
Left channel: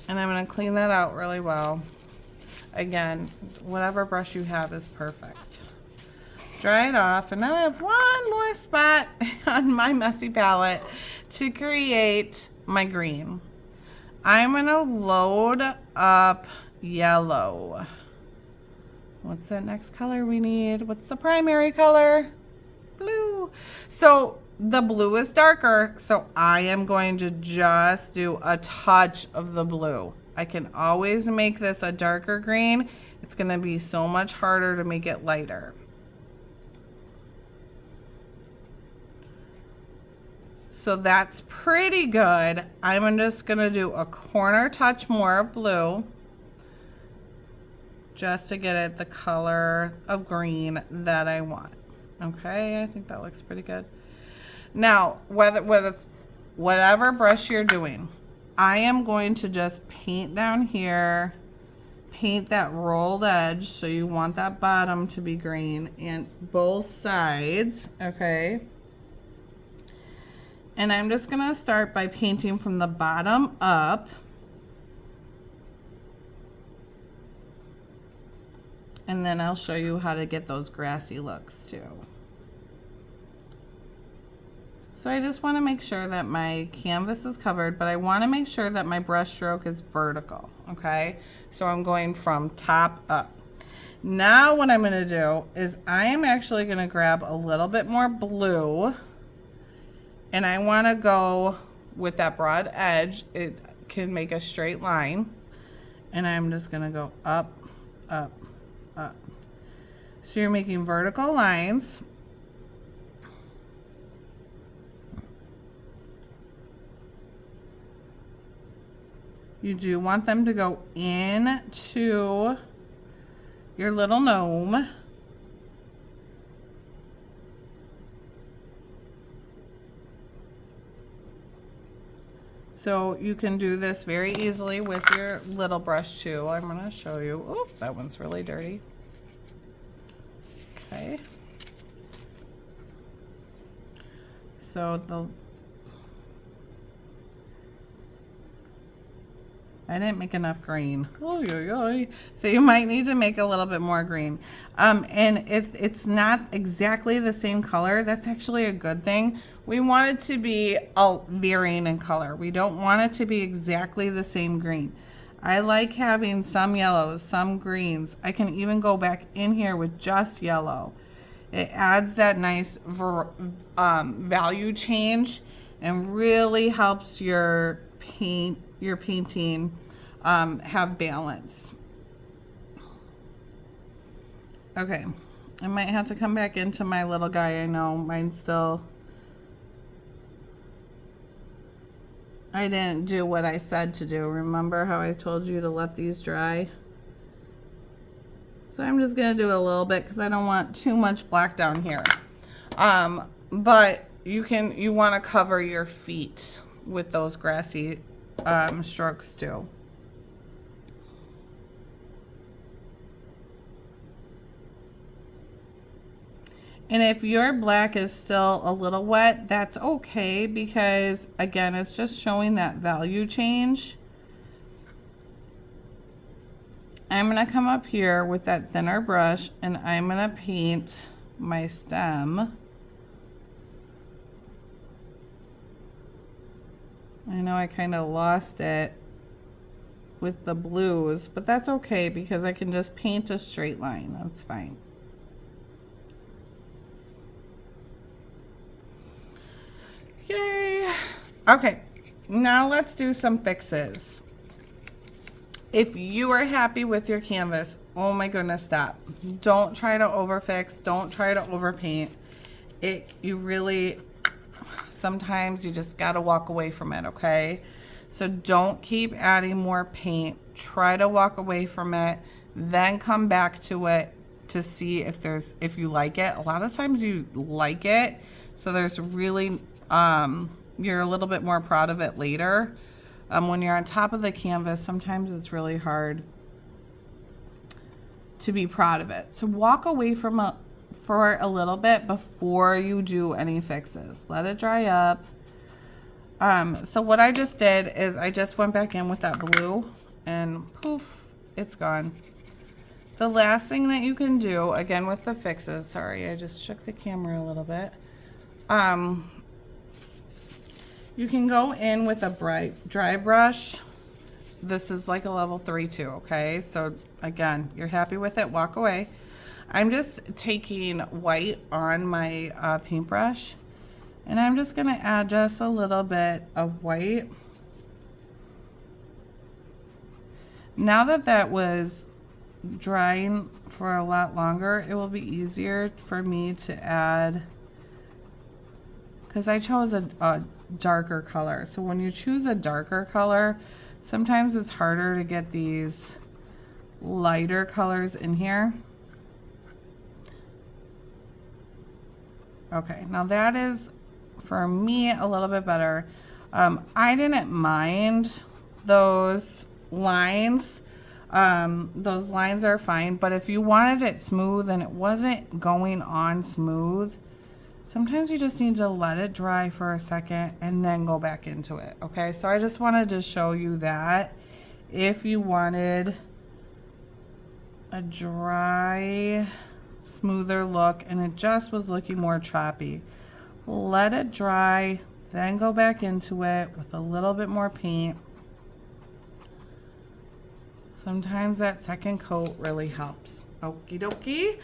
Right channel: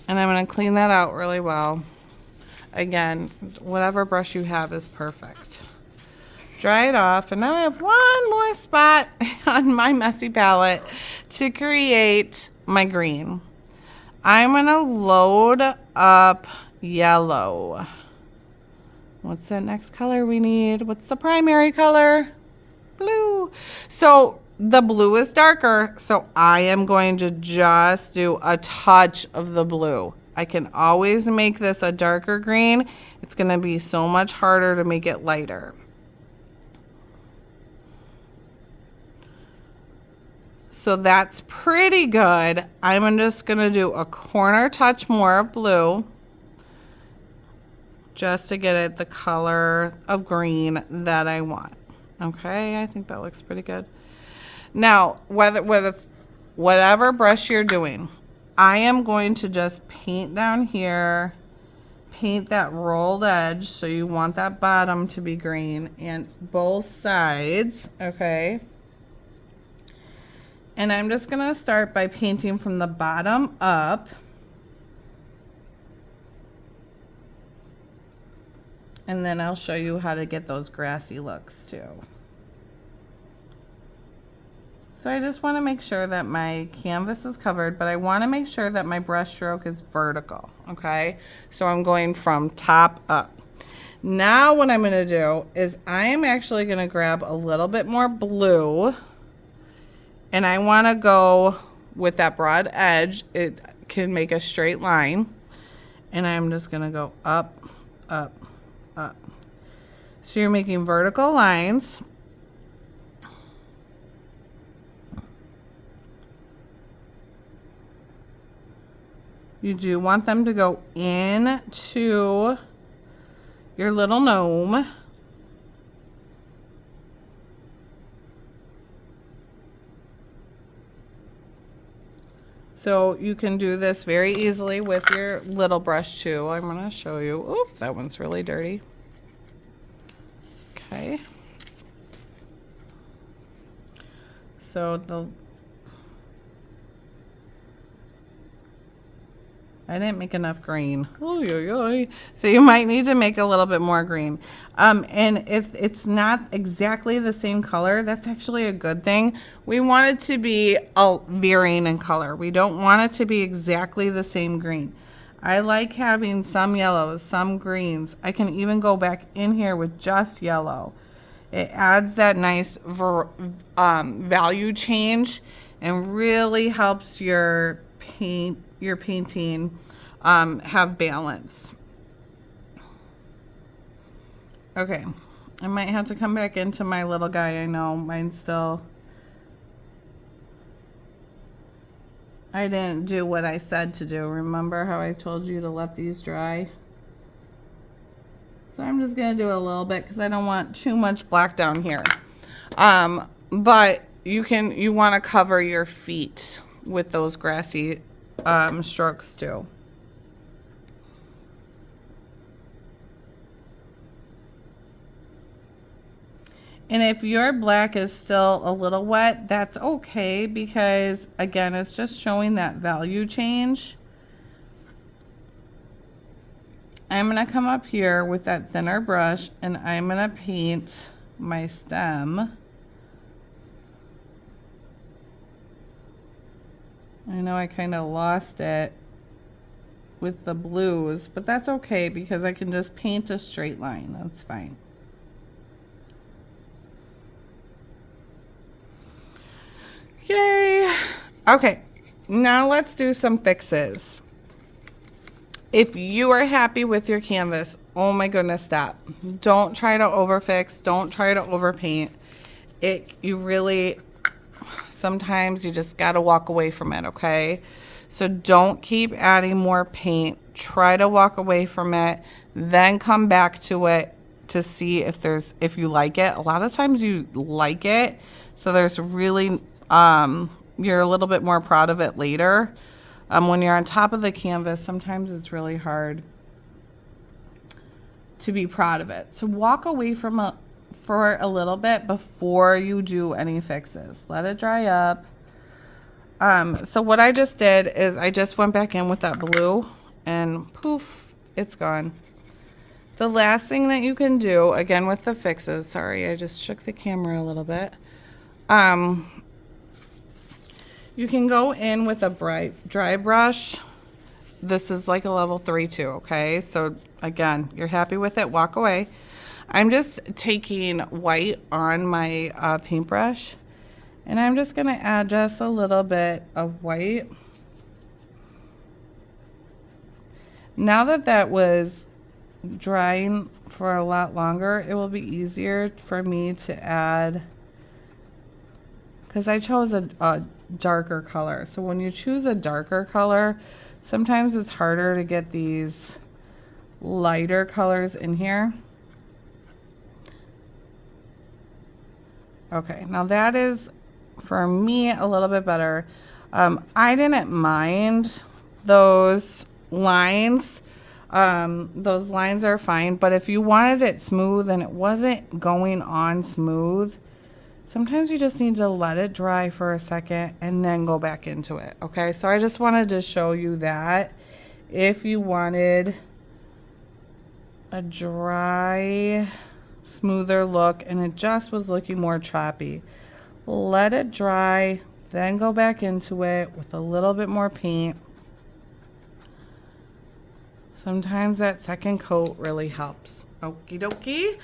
and I'm gonna clean that out really well. Again, whatever brush you have is perfect. Dry it off, and now I have one more spot on my messy palette to create my green. I'm gonna load up yellow. What's that next color we need? What's the primary color? Blue. So the blue is darker, so I am going to just do a touch of the blue. I can always make this a darker green. It's gonna be so much harder to make it lighter. So that's pretty good. I'm just gonna do a corner touch more of blue just to get it the color of green that I want. Okay, I think that looks pretty good. Now, whatever brush you're doing, I am going to just paint down here, paint that rolled edge, so you want that bottom to be green, and both sides, okay? And I'm just gonna start by painting from the bottom up. And then I'll show you how to get those grassy looks too. So I just want to make sure that my canvas is covered, but I want to make sure that my brush stroke is vertical, okay? So I'm going from top up. Now what I'm going to do is I am actually going to grab a little bit more blue, and I want to go with that broad edge. It can make a straight line, and I'm just going to go up, up, up. So you're making vertical lines. You do want them to go into your little gnome. So you can do this very easily with your little brush too. I'm going to show you. Oh, that one's really dirty. Okay. So I didn't make enough green. Oy, oy, oy. So you might need to make a little bit more green. And if it's not exactly the same color, that's actually a good thing. We want it to be varying in color. We don't want it to be exactly the same green. I like having some yellows, some greens. I can even go back in here with just yellow. It adds that nice value change and really helps your painting have balance. Okay, I might have to come back into my little guy. I know mine's still, I didn't do what I said to do. Remember how I told you to let these dry? So I'm just gonna do a little bit because I don't want too much black down here. But you want to cover your feet with those grassy strokes too. And if your black is still a little wet, that's okay, because again, it's just showing that value change. I'm going to come up here with that thinner brush and I'm going to paint my stem. I know I kind of lost it with the blues, but that's okay because I can just paint a straight line. That's fine. Yay. Okay, now let's do some fixes. If you are happy with your canvas, oh my goodness, stop. Don't try to overfix. Don't try to overpaint. You really, sometimes you just got to walk away from it, okay? So don't keep adding more paint. Try to walk away from it, then come back to it to see if you like it. A lot of times you like it, so there's really, you're a little bit more proud of it later. When you're on top of the canvas, sometimes it's really hard to be proud of it. So walk away from for a little bit before you do any fixes. Let it dry up. So what I just did is I just went back in with that blue and poof, it's gone. The last thing that you can do, again with the fixes, sorry, I just shook the camera a little bit. You can go in with a dry brush. This is like a level 3 too, okay? So again, you're happy with it, walk away. I'm just taking white on my paintbrush, and I'm just gonna add just a little bit of white. Now that was drying for a lot longer, it will be easier for me to add, because I chose a darker color. So when you choose a darker color, sometimes it's harder to get these lighter colors in here. Okay, now that is, for me, a little bit better. I didn't mind those lines. Those lines are fine, but if you wanted it smooth and it wasn't going on smooth, sometimes you just need to let it dry for a second and then go back into it, okay? So I just wanted to show you that if you wanted a dry, smoother look, and it just was looking more choppy. Let it dry, then go back into it with a little bit more paint. Sometimes that second coat really helps. Okie dokie.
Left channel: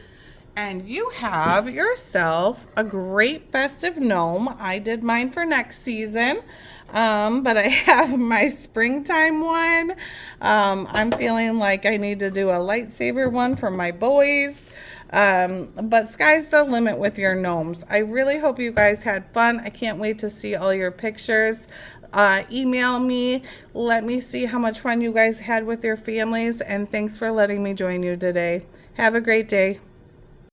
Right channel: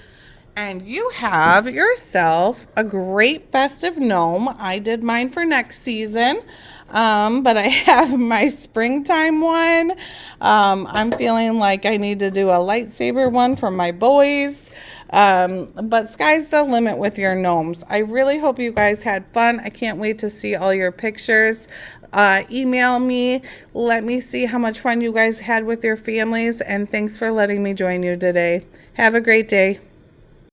And you have yourself a great festive gnome. I did mine for next season, but I have my springtime one. I'm feeling like I need to do a lightsaber one for my boys. But sky's the limit with your gnomes. I really hope you guys had fun. I can't wait to see all your pictures. Email me. Let me see how much fun you guys had with your families. And thanks for letting me join you today. Have a great day.